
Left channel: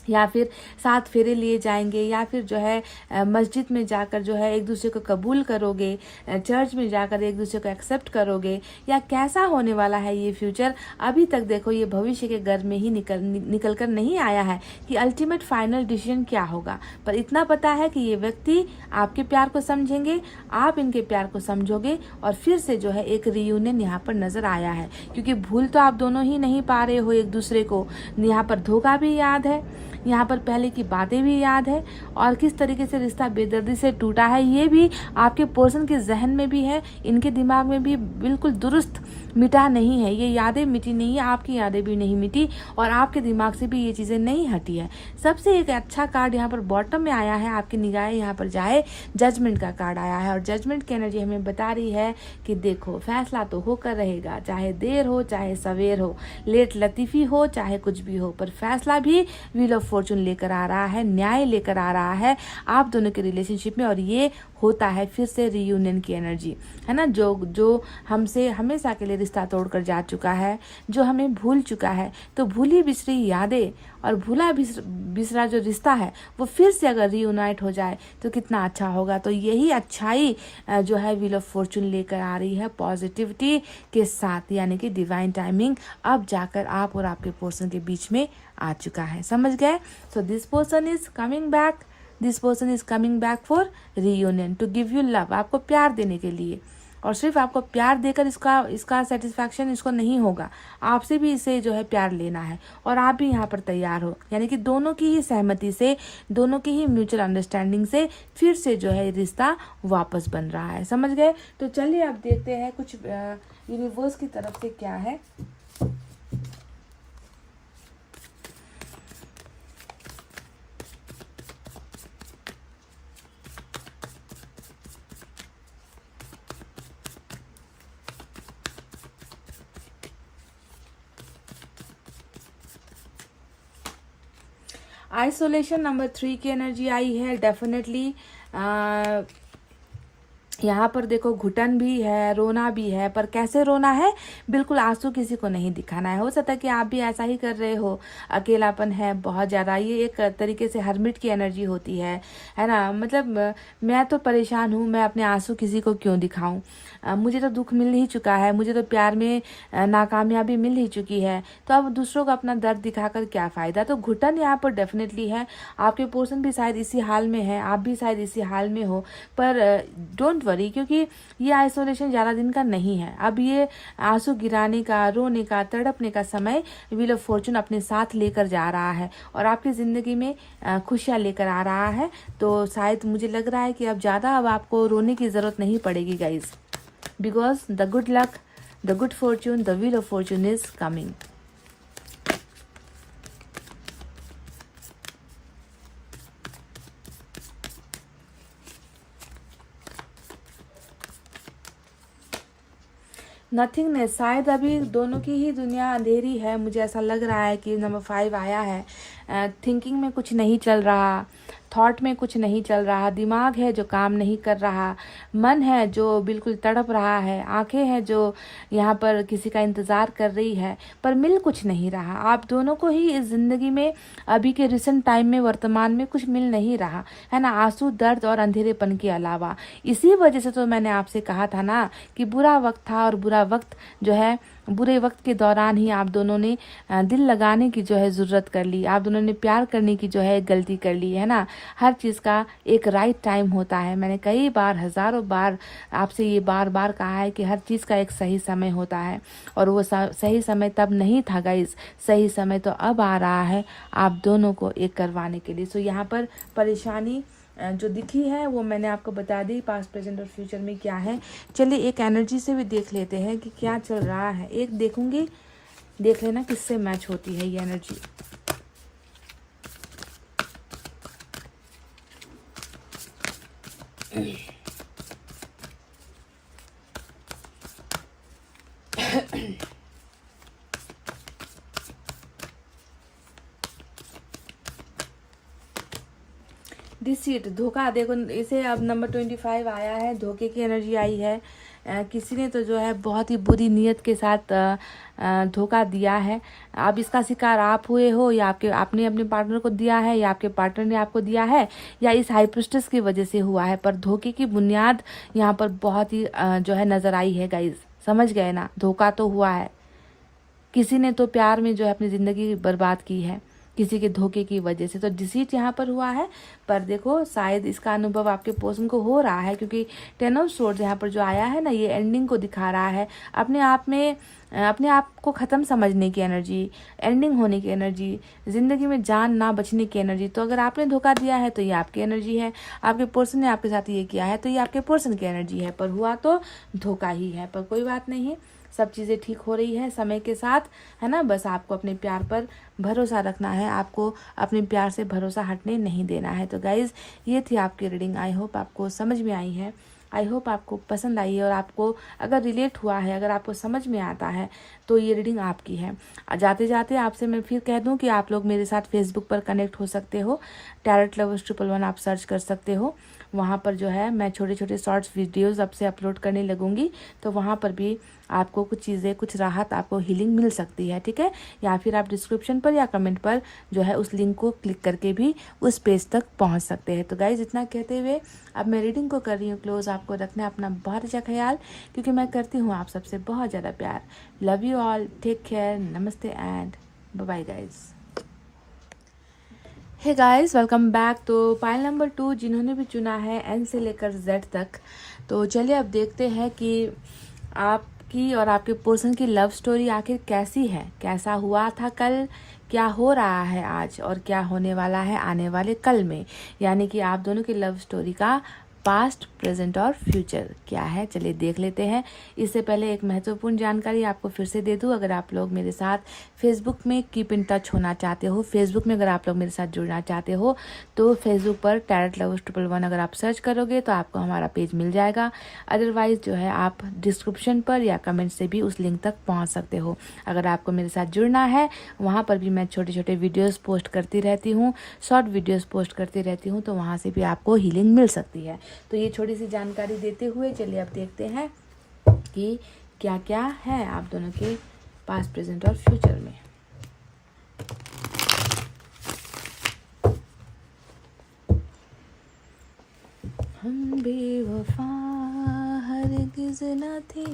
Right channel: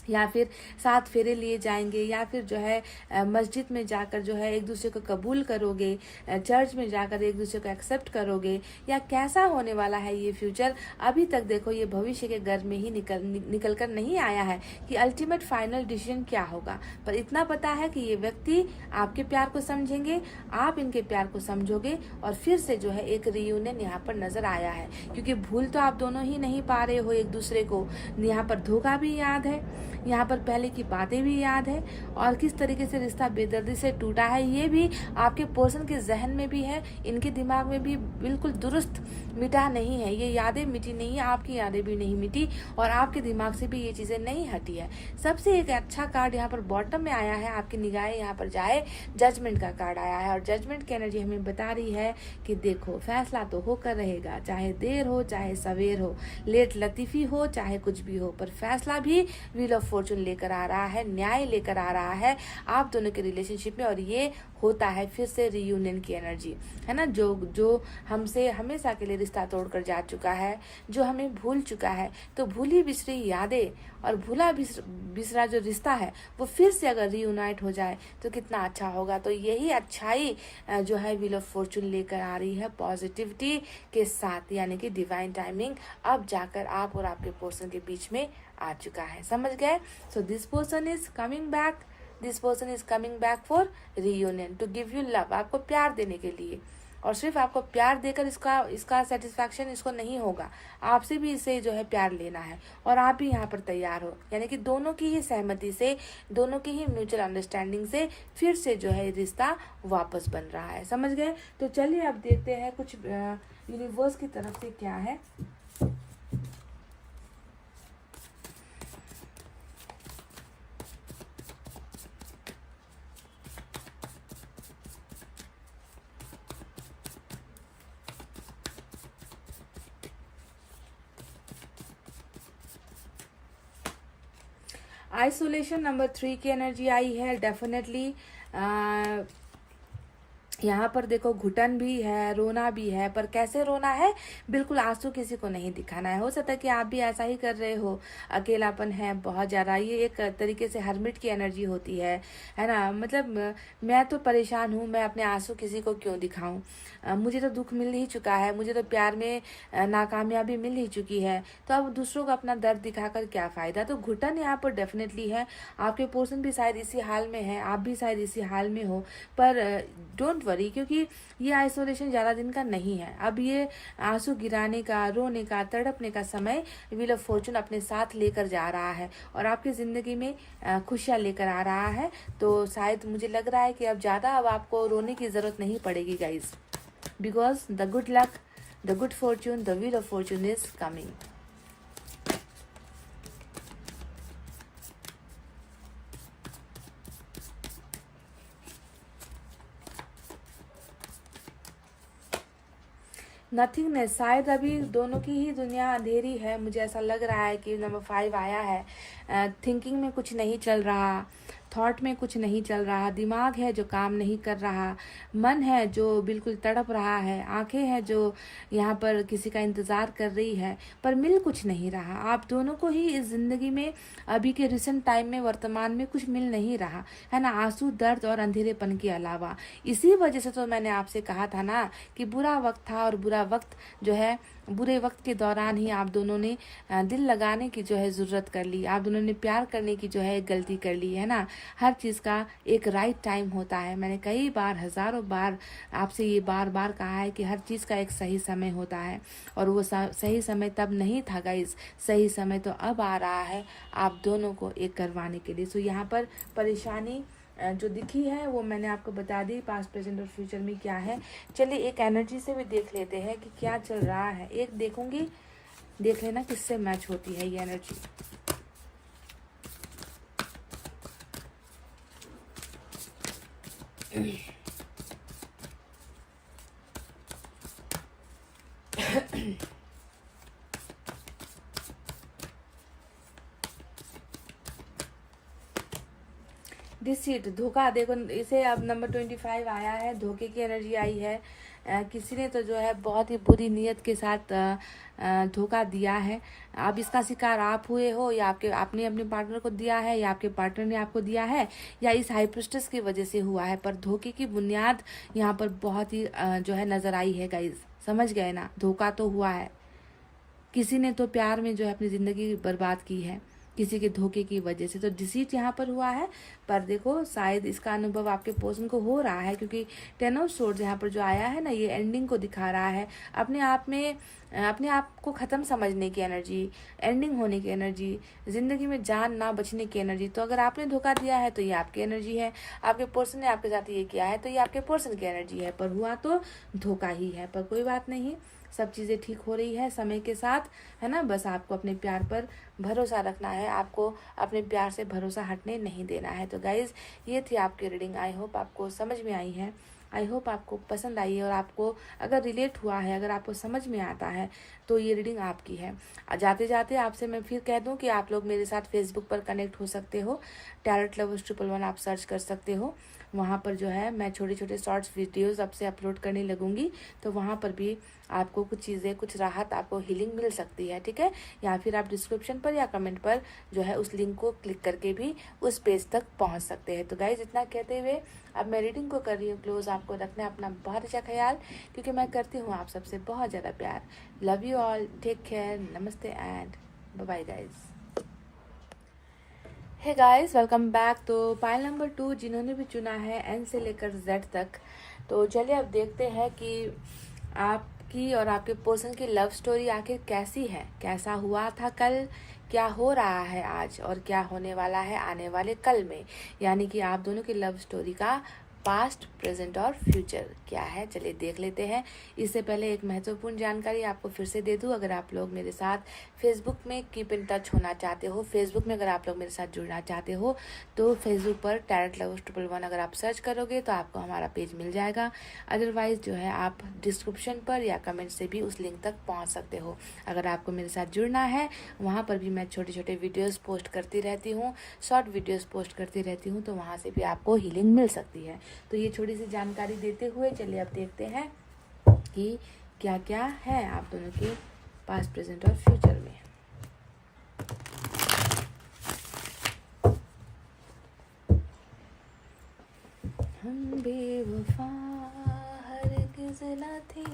या फिर 7 फेरे लिए जाएंगे, या फिर जो है मस्जिद में जाकर जो है एक दूसरे को कबूल करोगे, चर्च में जाकर एक दूसरे को एक्सेप्ट करोगे, या कैसा होने वाला है ये फ्यूचर। अभी तक देखो ये भविष्य के घर में ही निकल कर नहीं आया है कि अल्टीमेट फाइनल डिसीजन क्या होगा। पर इतना पता है कि ये व्यक्ति आपके प्यार को समझेंगे, आप इनके प्यार को समझोगे, और फिर से जो है एक रियूनियन यहाँ पर नजर आया है। क्योंकि भूल तो आप दोनों ही नहीं पा रहे हो एक दूसरे को, यहाँ पर धोखा भी याद है, यहाँ पर पहले की बातें भी याद है, और किस तरीके से रिश्ता बेदर्दी से टूटा है ये भी आपके पर्सन के जहन में भी है, इनके दिमाग में भी बिल्कुल दुरुस्त मिटा नहीं है। ये यादें मिटी नहीं है, आपकी यादें भी नहीं मिटी, और आपके दिमाग से भी ये चीजें नहीं हटी है। सबसे एक अच्छा कार्ड यहाँ पर बॉटम में आया है, आपकी निगाहें यहाँ पर जाए, जजमेंट का कार्ड आया है। और जजमेंट की एनर्जी हमें बता रही है कि देखो फैसला तो होकर रहेगा, चाहे देर हो चाहे सवेर हो, लेट लतीफी हो चाहे कुछ भी हो, पर फैसला भी व्हील ऑफ फॉर्चून लेकर आ रहा है, न्याय लेकर आ रहा है आप दोनों के रिलेशनशिप में। और ये होता है फिर से रियूनियन की एनर्जी, है ना। जो हमसे हमेशा के लिए रिश्ता तोड़कर जा चुका है, जो हमें भूल चुका है, तो भूली बिसरी यादें और भूला बिसरा जो रिश्ता है वो फिर से अगर रीयूनाइट हो जाए तो कितना अच्छा होगा। तो यही अच्छाई जो है व्हील ऑफ फॉर्चून लेकर आ रही है पॉजिटिविटी के साथ, यानी कि डिवाइन टाइमिंग अब जाकर आप और आपके पर्सन के बीच में आ चुका है, समझ गए। So this person is coming back, this person is coming back for reunion, to give you love, आपको प्यार देने के लिए। और सिर्फ आपको प्यार देकर इसका सेटिस्फैक्शन इसको नहीं होगा, आपसे भी इसे जो है प्यार लेना है, और आप भी यहाँ पर तैयार हो। यानी कि दोनों की ही सहमति से, दोनों की ही म्यूचुअल अंडरस्टैंडिंग से फिर से जो है रिश्ता वापस बन रहा है, समझ गए। तो चलिए अब देखते हैं कुछ यूनिवर्स की तरफ से क्या है। आइसोलेशन नंबर 3 की एनर्जी आई है। डेफिनेटली यहाँ पर देखो घुटन भी है, रोना भी है, पर कैसे रोना है, बिल्कुल आंसू किसी को नहीं दिखाना है। हो सकता है कि आप भी ऐसा ही कर रहे हो, अकेलापन है बहुत ज़्यादा, ये एक तरीके से हर्मिट की एनर्जी होती है ना। मतलब मैं तो परेशान हूँ, मैं अपने आंसू किसी को क्यों दिखाऊं, मुझे तो दुख मिल ही चुका है, मुझे तो प्यार में नाकामयाबी मिल ही चुकी है, तो अब दूसरों को अपना दर्द दिखाकर क्या फ़ायदा। तो घुटन यहाँ पर डेफिनेटली है, आपके पर्सन भी शायद इसी हाल में है, आप भी शायद इसी हाल में हो, पर डोंट वरी, क्योंकि ये आइसोलेशन ज़्यादा दिन का नहीं है। अब ये आंसू गिराने का, रोने का, तड़पने का समय व्हील ऑफ फॉर्चून अपने साथ लेकर जा रहा है और आपकी ज़िंदगी में खुशियाँ लेकर आ रहा है। तो शायद मुझे लग रहा है कि अब ज़्यादा अब आपको रोने की ज़रूरत नहीं पड़ेगी guys, because the good luck, the good Fortune, the wheel of Fortune is coming. Nothingness, शायद अभी दोनों की ही दुनिया अंधेरी है, मुझे ऐसा लग रहा है कि नंबर 5 आया है। थिंकिंग में कुछ नहीं चल रहा, थॉट में कुछ नहीं चल रहा, दिमाग है जो काम नहीं कर रहा, मन है जो बिल्कुल तड़प रहा है, आंखें हैं जो यहाँ पर किसी का इंतज़ार कर रही है, पर मिल कुछ नहीं रहा। आप दोनों को ही इस ज़िंदगी में अभी के रिसेंट टाइम में, वर्तमान में कुछ मिल नहीं रहा है ना, आंसू, दर्द और अंधेरेपन के अलावा। इसी वजह से तो मैंने आपसे कहा था ना कि बुरा वक्त था, और बुरा वक्त जो है, बुरे वक्त के दौरान ही आप दोनों ने दिल लगाने की जो है ज़रूरत कर ली, आप दोनों ने प्यार करने की जो है गलती कर ली है ना। हर चीज़ का एक राइट टाइम होता है, मैंने कई बार, हज़ारों बार आपसे ये बार बार कहा है कि हर चीज़ का एक सही समय होता है, और वो सही समय तब नहीं था गाइस, सही समय तो अब आ रहा है आप दोनों को एक करवाने के लिए। सो यहाँ पर परेशानी जो दिखी है वो मैंने आपको बता दी, पास्ट, प्रेजेंट और फ्यूचर में क्या है। चलिए एक एनर्जी से भी देख लेते हैं कि क्या चल रहा है। एक देखूंगी, देख लेना किससे मैच होती है ये एनर्जी। डिसीट, धोखा, देखो इसे अब नंबर 25 आया है, धोखे की एनर्जी आई है। किसी ने तो जो है बहुत ही बुरी नीयत के साथ धोखा दिया है। अब इसका शिकार आप हुए हो, या आपने अपने पार्टनर को दिया है, या आपके पार्टनर ने आपको दिया है, या इस हाई प्रिस्टेस की वजह से हुआ है, पर धोखे की बुनियाद यहाँ पर बहुत ही जो है नजर आई है गाइज। समझ गए ना, धोखा तो हुआ है, किसी ने तो प्यार में जो है अपनी जिंदगी बर्बाद की है किसी के धोखे की वजह से। तो डिसीट यहाँ पर हुआ है, पर देखो शायद इसका अनुभव आपके पर्सन को हो रहा है, क्योंकि 10 ऑफ सोर्ड्स यहाँ पर जो आया है ना, ये एंडिंग को दिखा रहा है, अपने आप में अपने आप को ख़त्म समझने की एनर्जी, एंडिंग होने की एनर्जी, ज़िंदगी में जान ना बचने की एनर्जी। तो अगर आपने धोखा दिया है तो ये आपकी एनर्जी है, आपके पर्सन ने आपके साथ ये किया है तो ये आपके पर्सन की एनर्जी है, पर हुआ तो धोखा ही है। पर कोई बात नहीं, सब चीज़ें ठीक हो रही है समय के साथ, है ना। बस आपको अपने प्यार पर भरोसा रखना है, आपको अपने प्यार से भरोसा हटने नहीं देना है। तो गाइज़, ये थी आपकी रीडिंग, आई होप आपको समझ में आई है, आई होप आपको पसंद आई है, और आपको अगर रिलेट हुआ है, अगर आपको समझ में आता है तो ये रीडिंग आपकी है। जाते जाते आपसे मैं फिर कह दूं कि आप लोग मेरे साथ फेसबुक पर कनेक्ट हो सकते हो, टैरोट लवर्स 111 आप सर्च कर सकते हो। वहाँ पर जो है मैं छोटे छोटे शॉर्ट्स वीडियोस अब से अपलोड करने लगूंगी, तो वहाँ पर भी आपको कुछ चीज़ें, कुछ राहत, आपको हीलिंग मिल सकती है, ठीक है। या फिर आप डिस्क्रिप्शन पर या कमेंट पर जो है उस लिंक को क्लिक करके भी उस पेज तक पहुँच सकते हैं। तो गाइज, इतना कहते हुए अब मैं रीडिंग को कर रही हूँ क्लोज। आपको रखना अपना बहुत अच्छा ख्याल, क्योंकि मैं करती हूँ आप सबसे बहुत ज़्यादा प्यार। Love you all, take care, नमस्ते and bye bye guys. Hey guys, welcome back. तो पाइल नंबर 2 जिन्होंने भी चुना है एन से लेकर जेड तक, तो चलिए अब देखते हैं कि आपकी और आपके पर्सन की लव स्टोरी आखिर कैसी है, कैसा हुआ था कल, क्या हो रहा है आज, और क्या होने वाला है आने वाले कल में। यानी कि आप दोनों की लव स्टोरी का पास्ट, प्रेजेंट और फ्यूचर क्या है, चलिए देख लेते हैं। इससे पहले एक महत्वपूर्ण जानकारी आपको फिर से दे दूं, अगर आप लोग मेरे साथ फेसबुक में कीप इन टच होना चाहते हो, फेसबुक में अगर आप लोग मेरे साथ जुड़ना चाहते हो, तो फेसबुक पर टैरोट लवर्स 111 अगर आप सर्च करोगे तो आपको हमारा पेज मिल जाएगा। अदरवाइज जो है आप डिस्क्रिप्शन पर या कमेंट से भी उस लिंक तक पहुंच सकते हो। अगर आपको मेरे साथ जुड़ना है, वहाँ पर भी मैं छोटे छोटे वीडियोज़ पोस्ट करती रहती हूँ, शॉर्ट वीडियोज़ पोस्ट करती रहती हूँ, तो वहाँ से भी आपको हीलिंग मिल सकती है। तो ये छोटी सी जानकारी देते हुए चलिए अब देखते हैं कि क्या क्या है आप दोनों के पास्ट, प्रेजेंट और फ्यूचर में। हम बेवफा हरगिज़ न थे,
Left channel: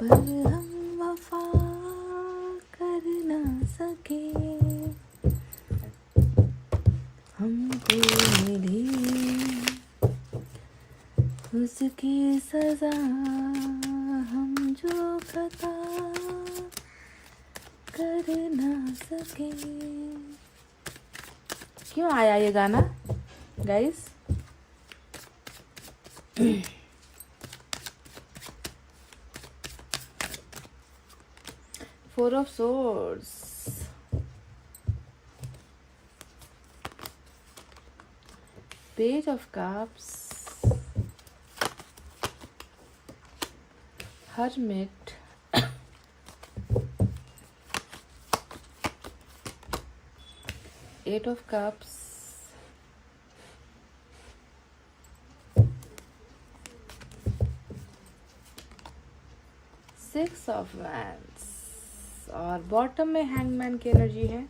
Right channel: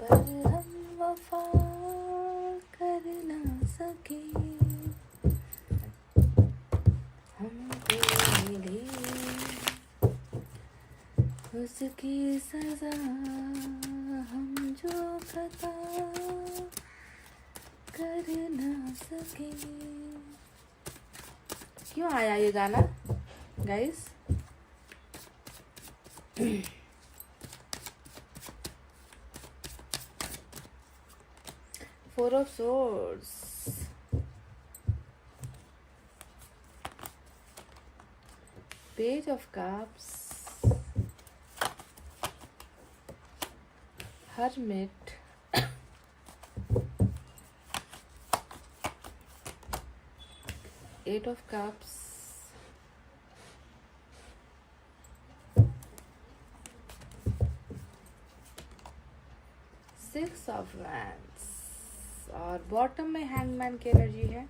पर हम वफा कर ना सके, हमको मिली उसकी सजा, हम जो खता कर ना सके। क्यों आया ये गाना guys? Four of Swords, Page of Cups, Hermit, Eight of Cups, Six of Wands और बॉटम में हैंगमैन की एनर्जी है।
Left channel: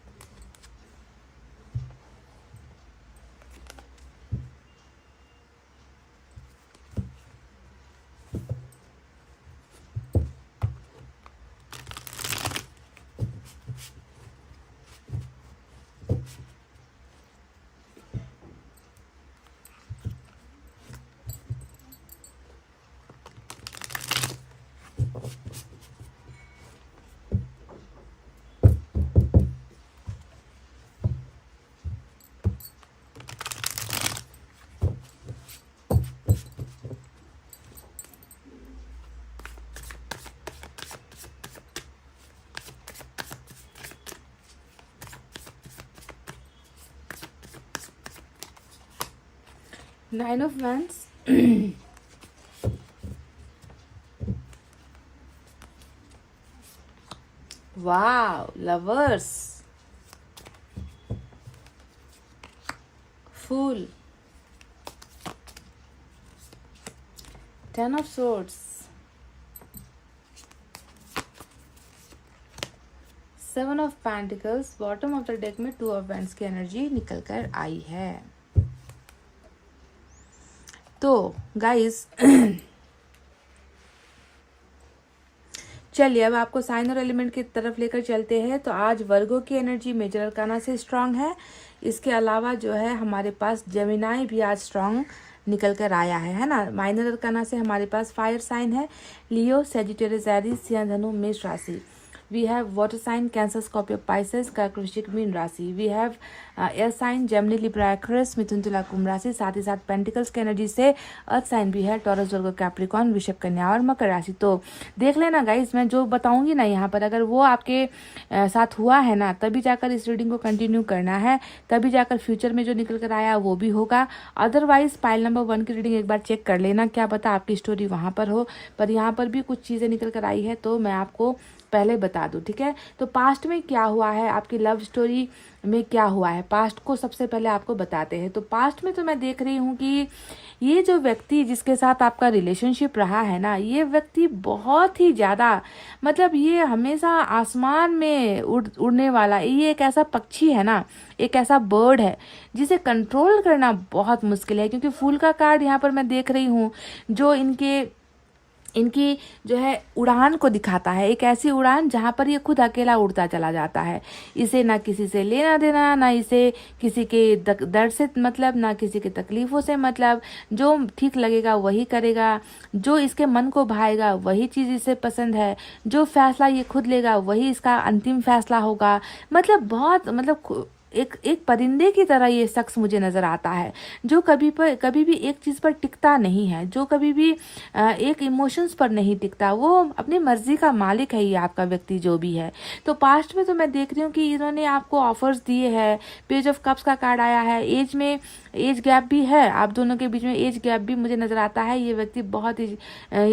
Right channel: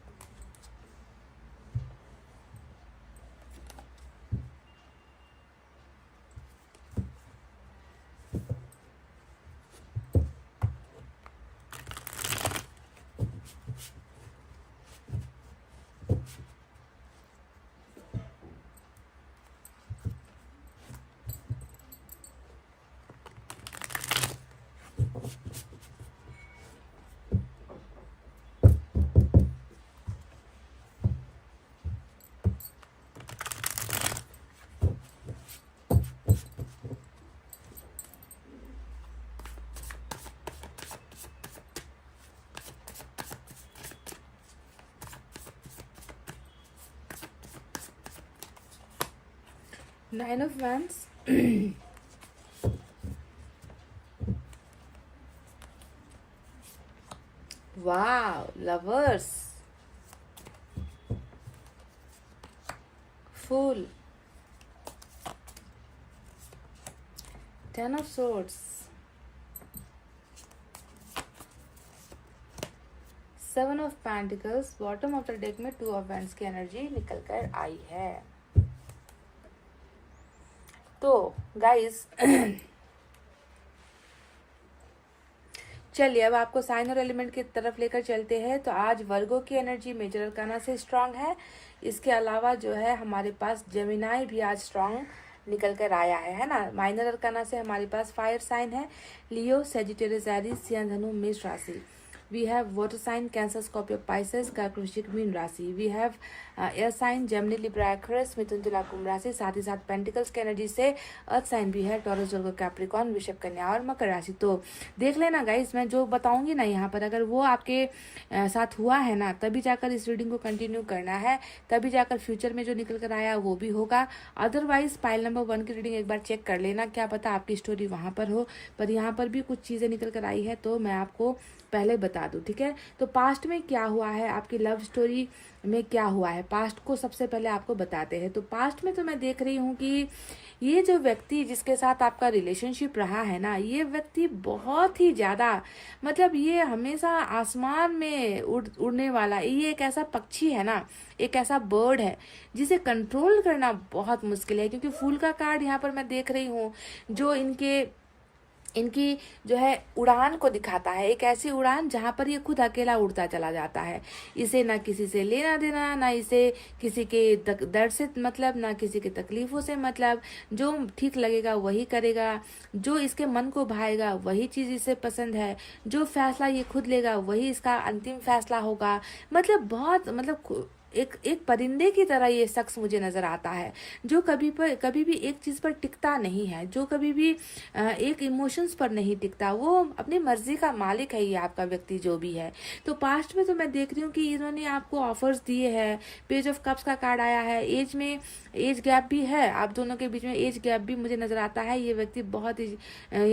Nine of Wands, wow, Lovers, Fool, Ten of Swords, Seven of Pentacles, bottom of the deck में Two of Wands की energy निकल कर आई है। तो गाइस चलिए अब आपको साइन और एलिमेंट की तरफ लेकर चलते हैं। तो आज वर्गो की एनर्जी मेजर अरकाना से स्ट्रांग है। इसके अलावा जो है हमारे पास जेमिनाई भी आज स्ट्रांग निकल कर आया है ना। माइनर अरकाना से हमारे पास फायर साइन है लियो, सेजिटेरियस, एरीज, सिंह, धनु, मेष राशि। We have water sign Cancer, Scorpio, Pisces, कर्क, वृश्चिक, मीन राशि। We have air sign Gemini, Libra, Aquarius, मिथुन, तुला, कुंभ राशि। साथ ही साथ पेंटिकल्स की एनर्जी से अर्थ साइन भी है टॉरस, वर्गो, कैप्रिकॉर्न, वृषभ, कन्या और मकर राशि। तो देख लेना गाइस, मैं जो बताऊंगी ना यहाँ पर अगर वो आपके साथ हुआ है ना तभी जाकर इस रीडिंग को कंटिन्यू करना है, तभी जाकर फ्यूचर में जो निकल कर आया वो भी होगा। अदरवाइज पाइल नंबर 1 की रीडिंग एक बार चेक कर लेना, क्या पता आपकी स्टोरी वहां पर हो, पर यहाँ पर भी कुछ चीजें निकल कर आई है तो मैं आपको पहले बता दूं, ठीक है। तो पास्ट में क्या हुआ है, आपकी लव स्टोरी में क्या हुआ है, पास्ट को सबसे पहले आपको बताते हैं। तो पास्ट में तो मैं देख रही हूँ कि ये जो व्यक्ति जिसके साथ आपका रिलेशनशिप रहा है ना, ये व्यक्ति बहुत ही ज्यादा मतलब ये हमेशा आसमान में उड़ने वाला, ये एक ऐसा पक्षी है ना, एक ऐसा बर्ड है जिसे कंट्रोल करना बहुत मुश्किल है। क्योंकि फूल का कार्ड यहाँ पर मैं देख रही हूँ जो इनकी जो है उड़ान को दिखाता है, एक ऐसी उड़ान जहां पर ये खुद अकेला उड़ता चला जाता है। इसे ना किसी से लेना देना, ना इसे किसी के दर्द से मतलब, ना किसी के तकलीफों से मतलब। जो ठीक लगेगा वही करेगा, जो इसके मन को भाएगा वही चीज इसे पसंद है, जो फैसला ये खुद लेगा वही इसका अंतिम फैसला होगा। मतलब बहुत मतलब एक परिंदे की तरह ये शख्स मुझे नजर आता है, जो कभी भी एक चीज पर टिकता नहीं है, जो कभी भी एक इमोशंस पर नहीं टिकता, वो अपनी मर्जी का मालिक है ये आपका व्यक्ति जो भी है। तो पास्ट में तो मैं देख रही हूँ कि इन्होंने आपको ऑफर्स दिए हैं। पेज ऑफ कप्स का कार्ड आया है, एज गैप भी है, आप दोनों के बीच में एज गैप भी मुझे नजर आता है। ये व्यक्ति बहुत ही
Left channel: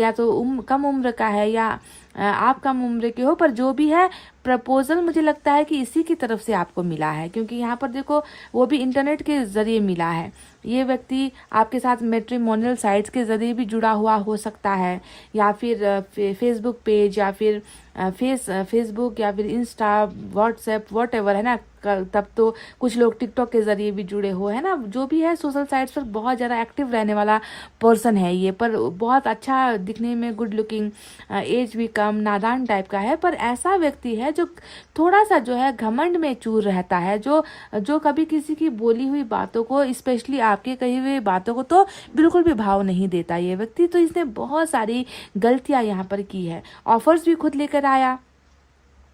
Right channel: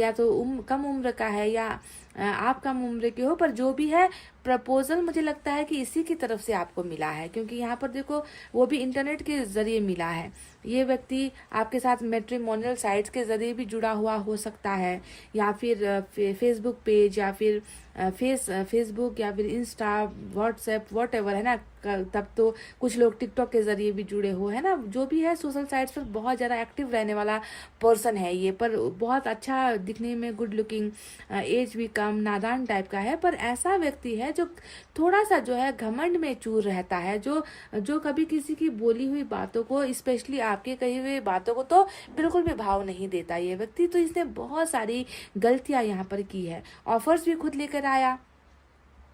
या तो कम उम्र का है या आप कम उम्र के हो, पर जो भी है प्रपोजल मुझे लगता है कि इसी की तरफ से आपको मिला है, क्योंकि यहाँ पर देखो वो भी इंटरनेट के जरिए मिला है। ये व्यक्ति आपके साथ मैट्रिमोनियल साइट्स के जरिए भी जुड़ा हुआ हो सकता है, या फिर फेसबुक पेज, या फिर फेसबुक, या फिर इंस्टा, व्हाट्सएप, व्हाटएवर, है ना। तब तो कुछ लोग टिकटॉक के जरिए भी जुड़े हुए हैं ना। जो भी है सोशल साइट्स पर बहुत ज़्यादा एक्टिव रहने वाला पर्सन है ये, पर बहुत अच्छा दिखने में, गुड लुकिंग, एज भी कम, नादान टाइप का है। पर ऐसा व्यक्ति है जो थोड़ा सा जो है घमंड में चूर रहता है, जो कभी किसी की बोली हुई बातों को, स्पेशली आपके कही हुई बातों को तो बिल्कुल भी भाव नहीं देता ये व्यक्ति। तो इसने बहुत सारी गलतियां यहाँ पर की है। ऑफर्स भी खुद लेकर आया,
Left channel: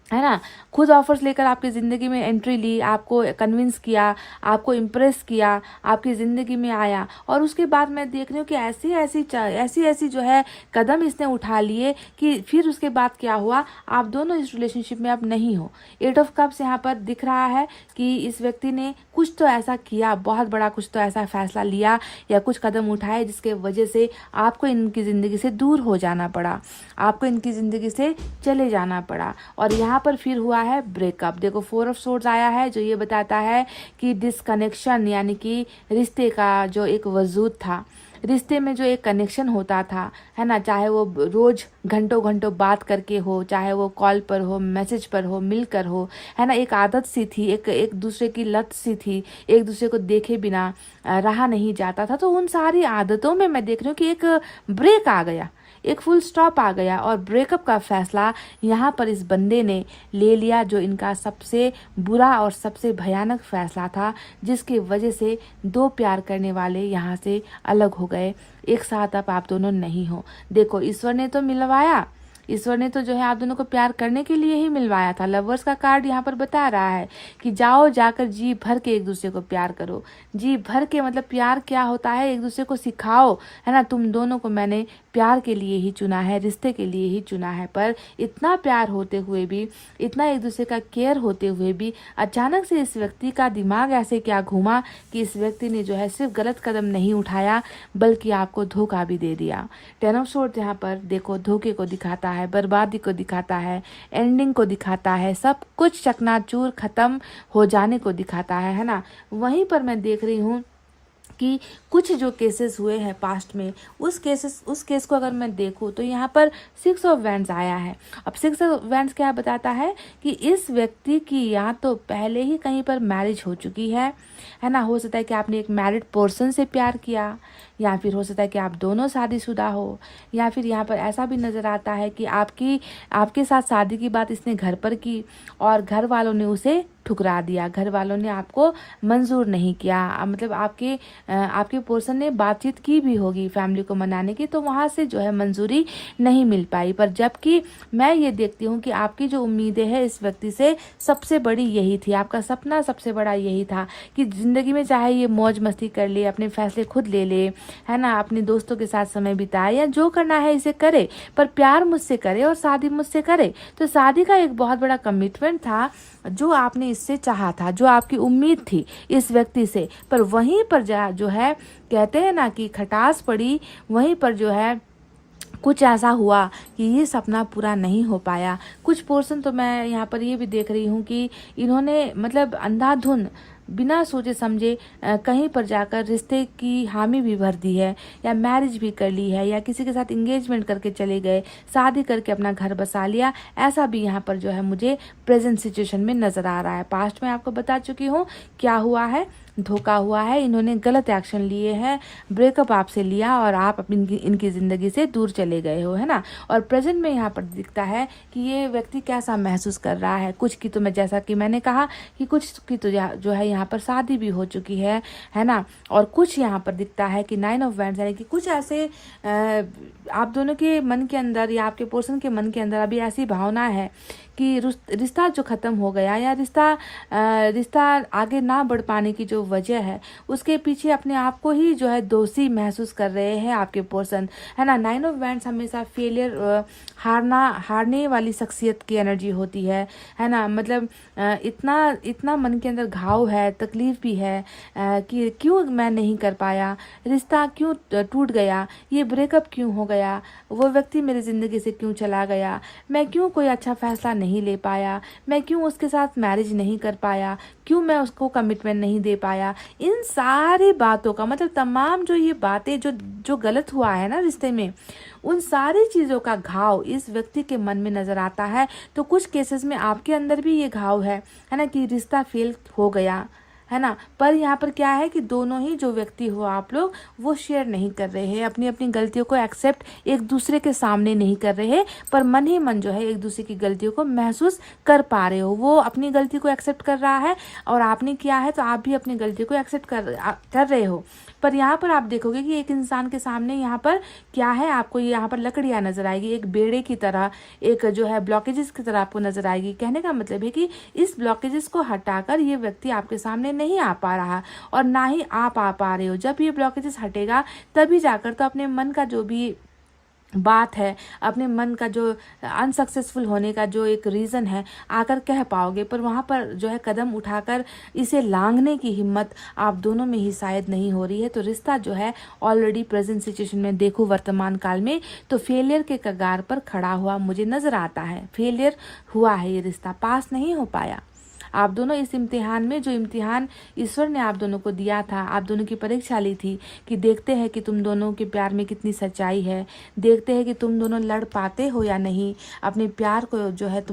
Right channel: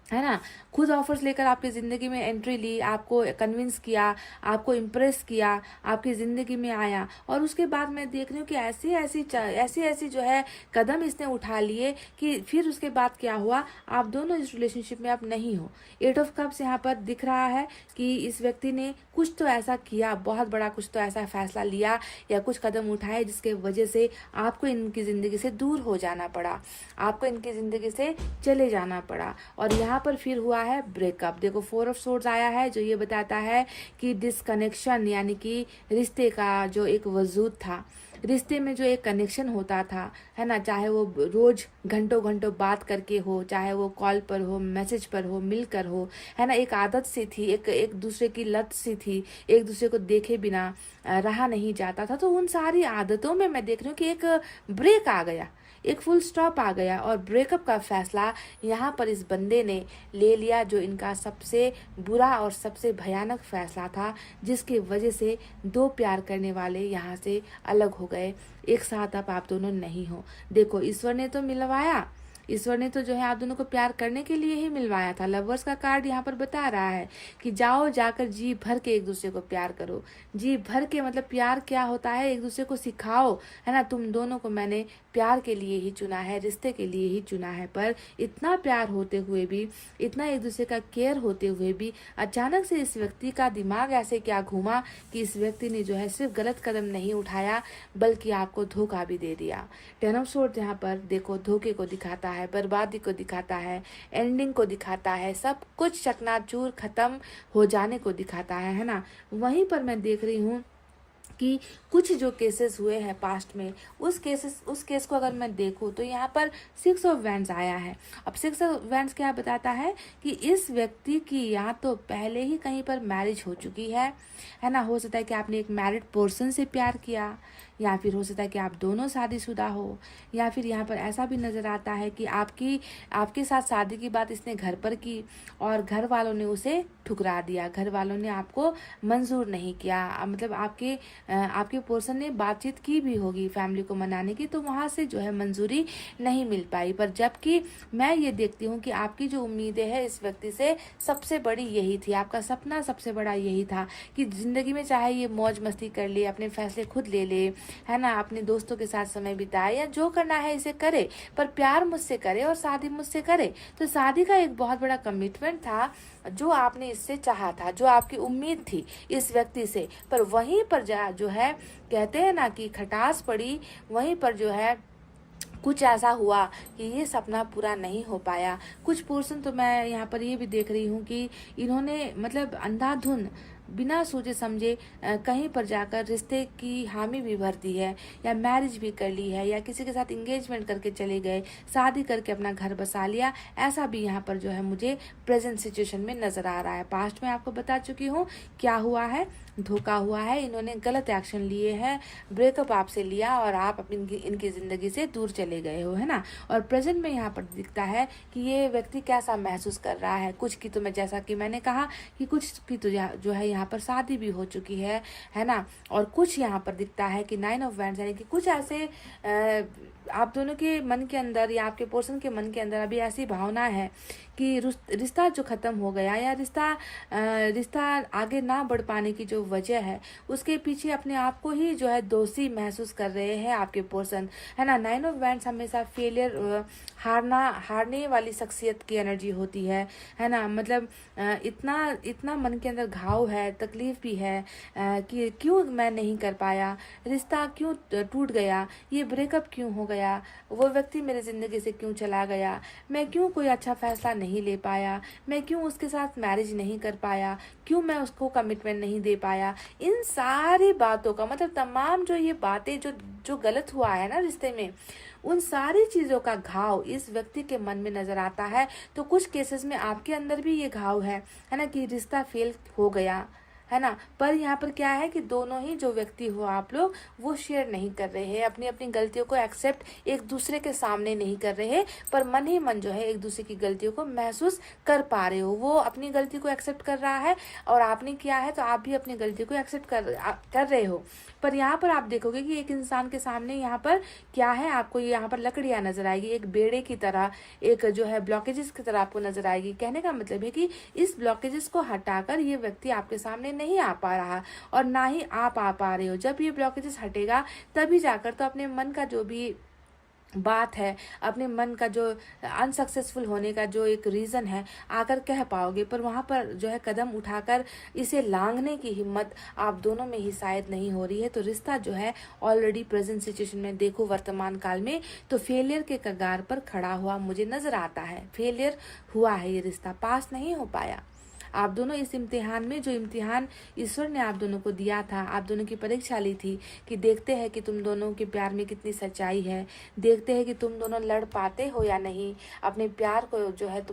है ना, खुद ऑफर्स लेकर आपकी ज़िंदगी में एंट्री ली, आपको कन्विंस किया, आपको इम्प्रेस किया, आपकी ज़िंदगी में आया, और उसके बाद मैं देख रही हूँ कि ऐसी जो है कदम इसने उठा लिए कि फिर उसके बाद क्या हुआ, आप दोनों इस रिलेशनशिप में अब नहीं हो। 8 ऑफ कप्स यहाँ पर दिख रहा है कि इस व्यक्ति ने कुछ तो ऐसा किया, बहुत बड़ा कुछ तो ऐसा फैसला लिया या कुछ कदम उठाए जिसके वजह से आपको इनकी ज़िंदगी से दूर हो जाना पड़ा, आपको इनकी ज़िंदगी से चले जाना पड़ा। और यहाँ पर फिर हुआ है ब्रेकअप। देखो 4 ऑफ सोर्ड्स आया है, जो ये बताता है कि डिसकनेक्शन, यानी कि रिश्ते का जो एक वजूद था, रिश्ते में जो एक कनेक्शन होता था, है ना, चाहे वो रोज घंटों घंटों बात करके हो, चाहे वो कॉल पर हो, मैसेज पर हो, मिलकर हो, है ना, एक आदत सी थी, एक दूसरे की लत सी थी, एक दूसरे को देखे बिना रहा नहीं जाता था। तो उन सारी आदतों में मैं देख रही हूँ कि एक ब्रेक आ गया, एक फुल स्टॉप आ गया, और ब्रेकअप का फैसला यहाँ पर इस बंदे ने ले लिया, जो इनका सबसे बुरा और सबसे भयानक फैसला था, जिसकी वजह से 2 प्यार करने वाले यहाँ से अलग हो गए, एक साथ अब आप दोनों नहीं हो। देखो ईश्वर ने तो मिलवाया, ईश्वर ने तो जो है आप दोनों को प्यार करने के लिए ही मिलवाया था। लवर्स का कार्ड यहाँ पर बता रहा है कि जाओ जाकर जी भर के एक दूसरे को प्यार करो, जी भर के, मतलब प्यार क्या होता है, एक दूसरे को सिखाओ, है ना। तुम दोनों को मैंने प्यार के लिए ही चुना है, रिश्ते के लिए ही चुना है। पर इतना प्यार होते हुए भी, इतना एक दूसरे का केयर होते हुए भी, अचानक से इस व्यक्ति का दिमाग ऐसे क्या घूमा कि इस व्यक्ति ने जो है सिर्फ गलत कदम नहीं उठाया, बल्कि आपको धोखा भी दे दिया। 10 ऑफ सोर्ड्स यहाँ पर देखो धोखे को दिखाता है, बर्बादी को दिखाता है, एंडिंग को दिखाता है, सब कुछ चकनाचूर खत्म हो जाने को दिखाता है ना। वहीं पर मैं देख रही हूँ कि कुछ जो केसेस हुए हैं पास्ट में, उस केस को अगर मैं देखूं तो यहाँ पर 6 ऑफ वैंड्स आया है। अब 6 ऑफ वैंड्स क्या बताता है कि इस व्यक्ति की या तो पहले ही कहीं पर मैरिज हो चुकी है ना, हो सकता है कि आपने एक मैरिड पर्सन से प्यार किया, या फिर हो सकता है कि आप दोनों शादीशुदा हो, या फिर यहाँ पर ऐसा भी नज़र आता है कि आपके साथ शादी की बात इसने घर पर की और घर वालों ने उसे ठुकरा दिया, घर वालों ने आपको मंजूर नहीं किया। मतलब आपके पर्सन ने बातचीत की भी होगी फैमिली को मनाने की, तो वहाँ से जो है मंजूरी नहीं मिल पाई। पर जबकि मैं ये देखती हूँ कि आपकी जो उम्मीदें हैं इस व्यक्ति से सबसे बड़ी यही थी, आपका सपना सबसे बड़ा यही था कि ज़िंदगी में चाहे ये मौज मस्ती कर ले, अपने फैसले खुद ले ले, है ना, अपने दोस्तों के साथ समय बिताए, या जो करना है इसे करे, पर प्यार मुझसे करे और शादी मुझसे करे। तो शादी का एक बहुत बड़ा कमिटमेंट था जो आपने इससे चाहा था, जो आपकी उम्मीद थी इस व्यक्ति से। पर वहीं पर जो है कहते हैं ना कि खटास पड़ी, वहीं पर जो है कुछ ऐसा हुआ कि ये सपना पूरा नहीं हो पाया। कुछ पोर्शन तो मैं यहाँ पर ये भी देख रही हूँ कि इन्होंने मतलब अंधाधुन बिना सोचे समझे कहीं पर जाकर रिश्ते की हामी भी भर दी है, या मैरिज भी कर ली है, या किसी के साथ एंगेजमेंट करके चले गए, शादी करके अपना घर बसा लिया। ऐसा भी यहाँ पर जो है मुझे प्रेजेंट सिचुएशन में नजर आ रहा है। पास्ट में आपको बता चुकी हूँ क्या हुआ है, धोखा हुआ है, इन्होंने गलत एक्शन लिए हैं, ब्रेकअप आपसे लिया और आप इनकी जिंदगी से दूर चले गए हो, है ना। और प्रेजेंट में यहाँ पर दिखता है कि ये व्यक्ति कैसा महसूस कर रहा है। कुछ की तो मैं, जैसा कि मैंने कहा कि कुछ की तो जो है यहाँ पर शादी भी हो चुकी है ना। और कुछ यहाँ पर दिखता है कि 9 ऑफ वैंड्स, यानी कि कुछ ऐसे आप दोनों के मन के अंदर या आपके पर्सन के मन के अंदर अभी ऐसी भावना है कि रिश्ता जो खत्म हो गया, या रिश्ता आगे ना बढ़ पाने की जो वजह है, उसके पीछे अपने आप को ही जो है दोषी महसूस कर रहे हैं आपके पर्सन, है ना। 9 ऑफ वैंड्स हमेशा फेलियर, हारने वाली शख्सियत की एनर्जी होती है ना। मतलब इतना मन के अंदर घाव है, तकलीफ भी है कि क्यों मैं नहीं कर पाया, रिश्ता क्यों टूट गया, ये ब्रेकअप क्यों हो गया, वो व्यक्ति मेरी जिंदगी से क्यों चला गया, मैं क्यों कोई अच्छा फैसला नहीं ले पाया, मैं क्यों उसके साथ मैरिज नहीं कर पाया, क्यों मैं उसको कमिटमेंट नहीं दे पाया। इन सारी बातों का मतलब तमाम जो ये बातें जो गलत हुआ है ना रिश्ते में, उन सारी चीज़ों का घाव इस व्यक्ति के मन में नजर आता है। तो कुछ केसेस में आपके अंदर भी ये घाव है ना, कि रिश्ता फेल हो गया है ना। पर यहाँ पर क्या है कि दोनों ही जो व्यक्ति हो आप लोग वो शेयर नहीं कर रहे हैं, अपनी अपनी गलतियों को एक्सेप्ट एक दूसरे के सामने नहीं कर रहे हैं, पर मन ही मन जो है एक दूसरे की गलतियों को महसूस कर पा रहे हो। वो अपनी गलती को एक्सेप्ट कर रहा है और आपने किया है तो आप भी अपनी गलती को एक्सेप्ट कर रहे हो। पर यहाँ पर आप देखोगे कि एक इंसान के सामने यहाँ पर क्या है, आपको यहाँ पर लकड़ियाँ नजर आएगी, एक बेड़े की तरह, एक जो है ब्लॉकेजेस की तरह आपको नजर आएगी। कहने का मतलब है कि इस ब्लॉकेजेस को हटाकर ये व्यक्ति आपके सामने नहीं आ पा रहा और ना ही आप आ पा रहे हो। जब ये ब्लॉकेजेस हटेगा तभी जाकर तो अपने मन का जो भी बात है, अपने मन का जो अनसक्सेसफुल होने का जो एक रीज़न है आकर कह पाओगे। पर वहाँ पर जो है कदम उठाकर इसे लांघने की हिम्मत आप दोनों में ही शायद नहीं हो रही है। तो रिश्ता जो है ऑलरेडी प्रेजेंट सिचुएशन में देखो वर्तमान काल में तो फेलियर के कगार पर खड़ा हुआ मुझे नजर आता है। फेलियर हुआ है, ये रिश्ता पास नहीं हो पाया। आप दोनों इस इम्तिहान में, जो इम्तिहान ईश्वर ने आप दोनों को दिया था, आप दोनों की परीक्षा ली थी कि देखते हैं कि तुम दोनों के प्यार में कितनी सच्चाई है, देखते हैं कि तुम दोनों लड़ पाते हो या नहीं, अपने प्यार को जो है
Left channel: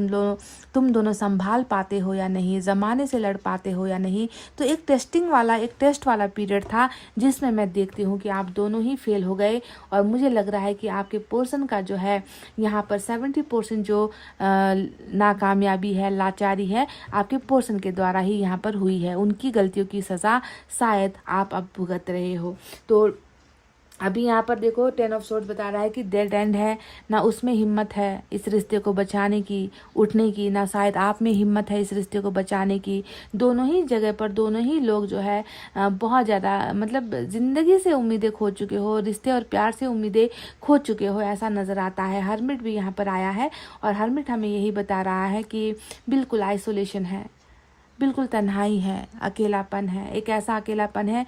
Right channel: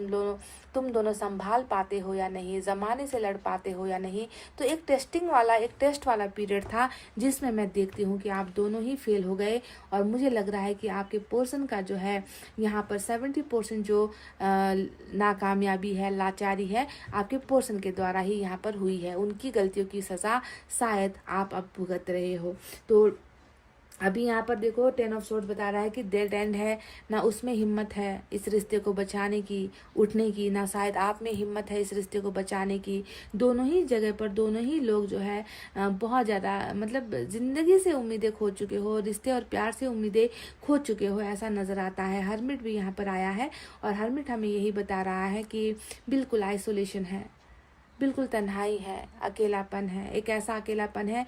तुम दोनों संभाल पाते हो या नहीं, ज़माने से लड़ पाते हो या नहीं। तो एक टेस्ट वाला पीरियड था जिसमें मैं देखती हूँ कि आप दोनों ही फेल हो गए। और मुझे लग रहा है कि आपके पोर्शन का जो है यहाँ पर 70% जो नाकामयाबी है, लाचारी है, आपके पोर्शन के द्वारा ही यहाँ पर हुई है। उनकी गलतियों की सजा शायद आप अब भुगत रहे हो। तो अभी यहाँ पर देखो 10 ऑफ सोर्ड्स बता रहा है कि डेड एंड है, ना उसमें हिम्मत है इस रिश्ते को बचाने की, उठने की, ना शायद आप में हिम्मत है इस रिश्ते को बचाने की। दोनों ही जगह पर दोनों ही लोग जो है बहुत ज़्यादा मतलब ज़िंदगी से उम्मीदें खो चुके हो, रिश्ते और प्यार से उम्मीदें खो चुके हो, ऐसा नज़र आता है। हर्मिट भी यहाँ पर आया है और हर्मिट हमें यही बता रहा है कि बिल्कुल आइसोलेशन है, बिल्कुल तन्हाई है, अकेलापन है, एक ऐसा अकेलापन है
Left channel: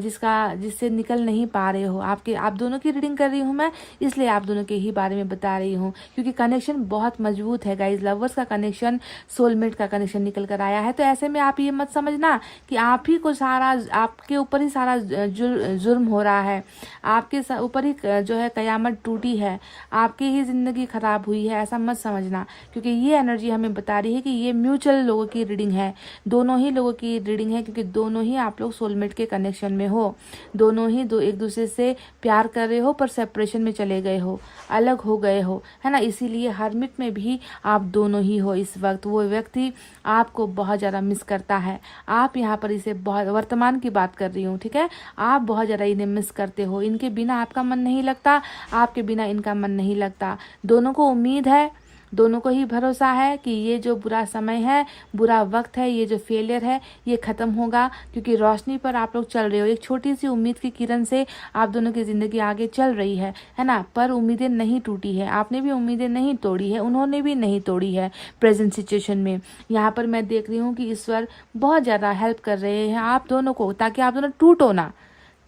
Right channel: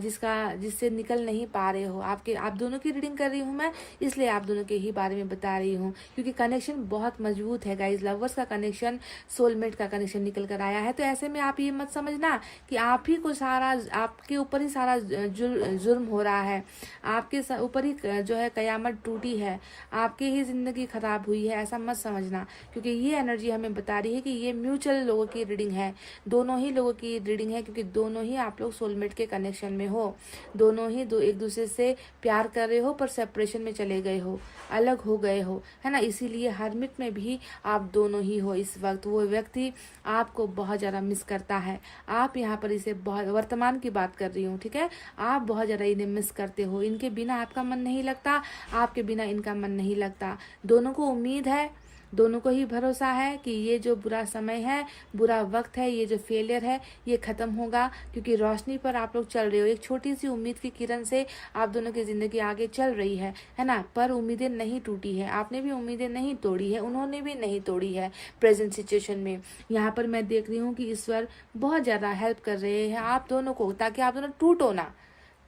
जिससे निकल नहीं पा रहे हो। आप दोनों की रीडिंग कर रही हूँ मैं, इसलिए आप दोनों के ही बारे में बता रही हूँ क्योंकि कनेक्शन बहुत मजबूत है गाइज। लवर्स का कनेक्शन, सोलमेट का कनेक्शन निकल कर आया है। तो ऐसे में आप ये मत समझना कि आप ही को सारा, आपके ऊपर ही सारा जुर्म हो रहा है, आपके ऊपर ही जो है कयामत टूटी है, आपकी ही जिंदगी खराब हुई है, ऐसा मत समझना। क्योंकि ये एनर्जी हमें बता रही है कि ये म्यूचुअल लोगों की रीडिंग है, दोनों ही लोगों की रीडिंग है, क्योंकि दोनों ही आप लोग सोलमेट के कनेक्शन में हो, दोनों ही एक दूसरे से प्यार कर रहे हो पर सेपरेशन में चले गए हो, अलग हो गए हो, है ना। इसीलिए हर्मिट में भी आप दोनों ही हो इस वक्त। वो व्यक्ति आपको बहुत ज़्यादा मिस करता है, आप यहाँ पर इसे बहुत, वर्तमान की बात कर रही हूँ, ठीक है, आप बहुत ज़्यादा इन्हें मिस करते हो। इनके बिना आपका मन नहीं लगता, आपके बिना इनका मन नहीं लगता। दोनों को उम्मीद है, दोनों को ही भरोसा है कि ये जो बुरा समय है, बुरा वक्त है, ये जो फेलियर है, ये खत्म होगा, क्योंकि रोशनी पर आप लोग चल रहे हो। एक छोटी सी उम्मीद की किरण से आप दोनों की जिंदगी आगे चल रही है ना। पर उम्मीदें नहीं टूटी है, आपने भी उम्मीदें नहीं तोड़ी है, उन्होंने भी नहीं तोड़ी है। प्रेजेंट सिचुएशन में यहाँ पर मैं देख रही हूँ कि ईश्वर बहुत ज्यादा हेल्प कर रहे हैं आप दोनों को, ताकि आप दोनों टूटो ना।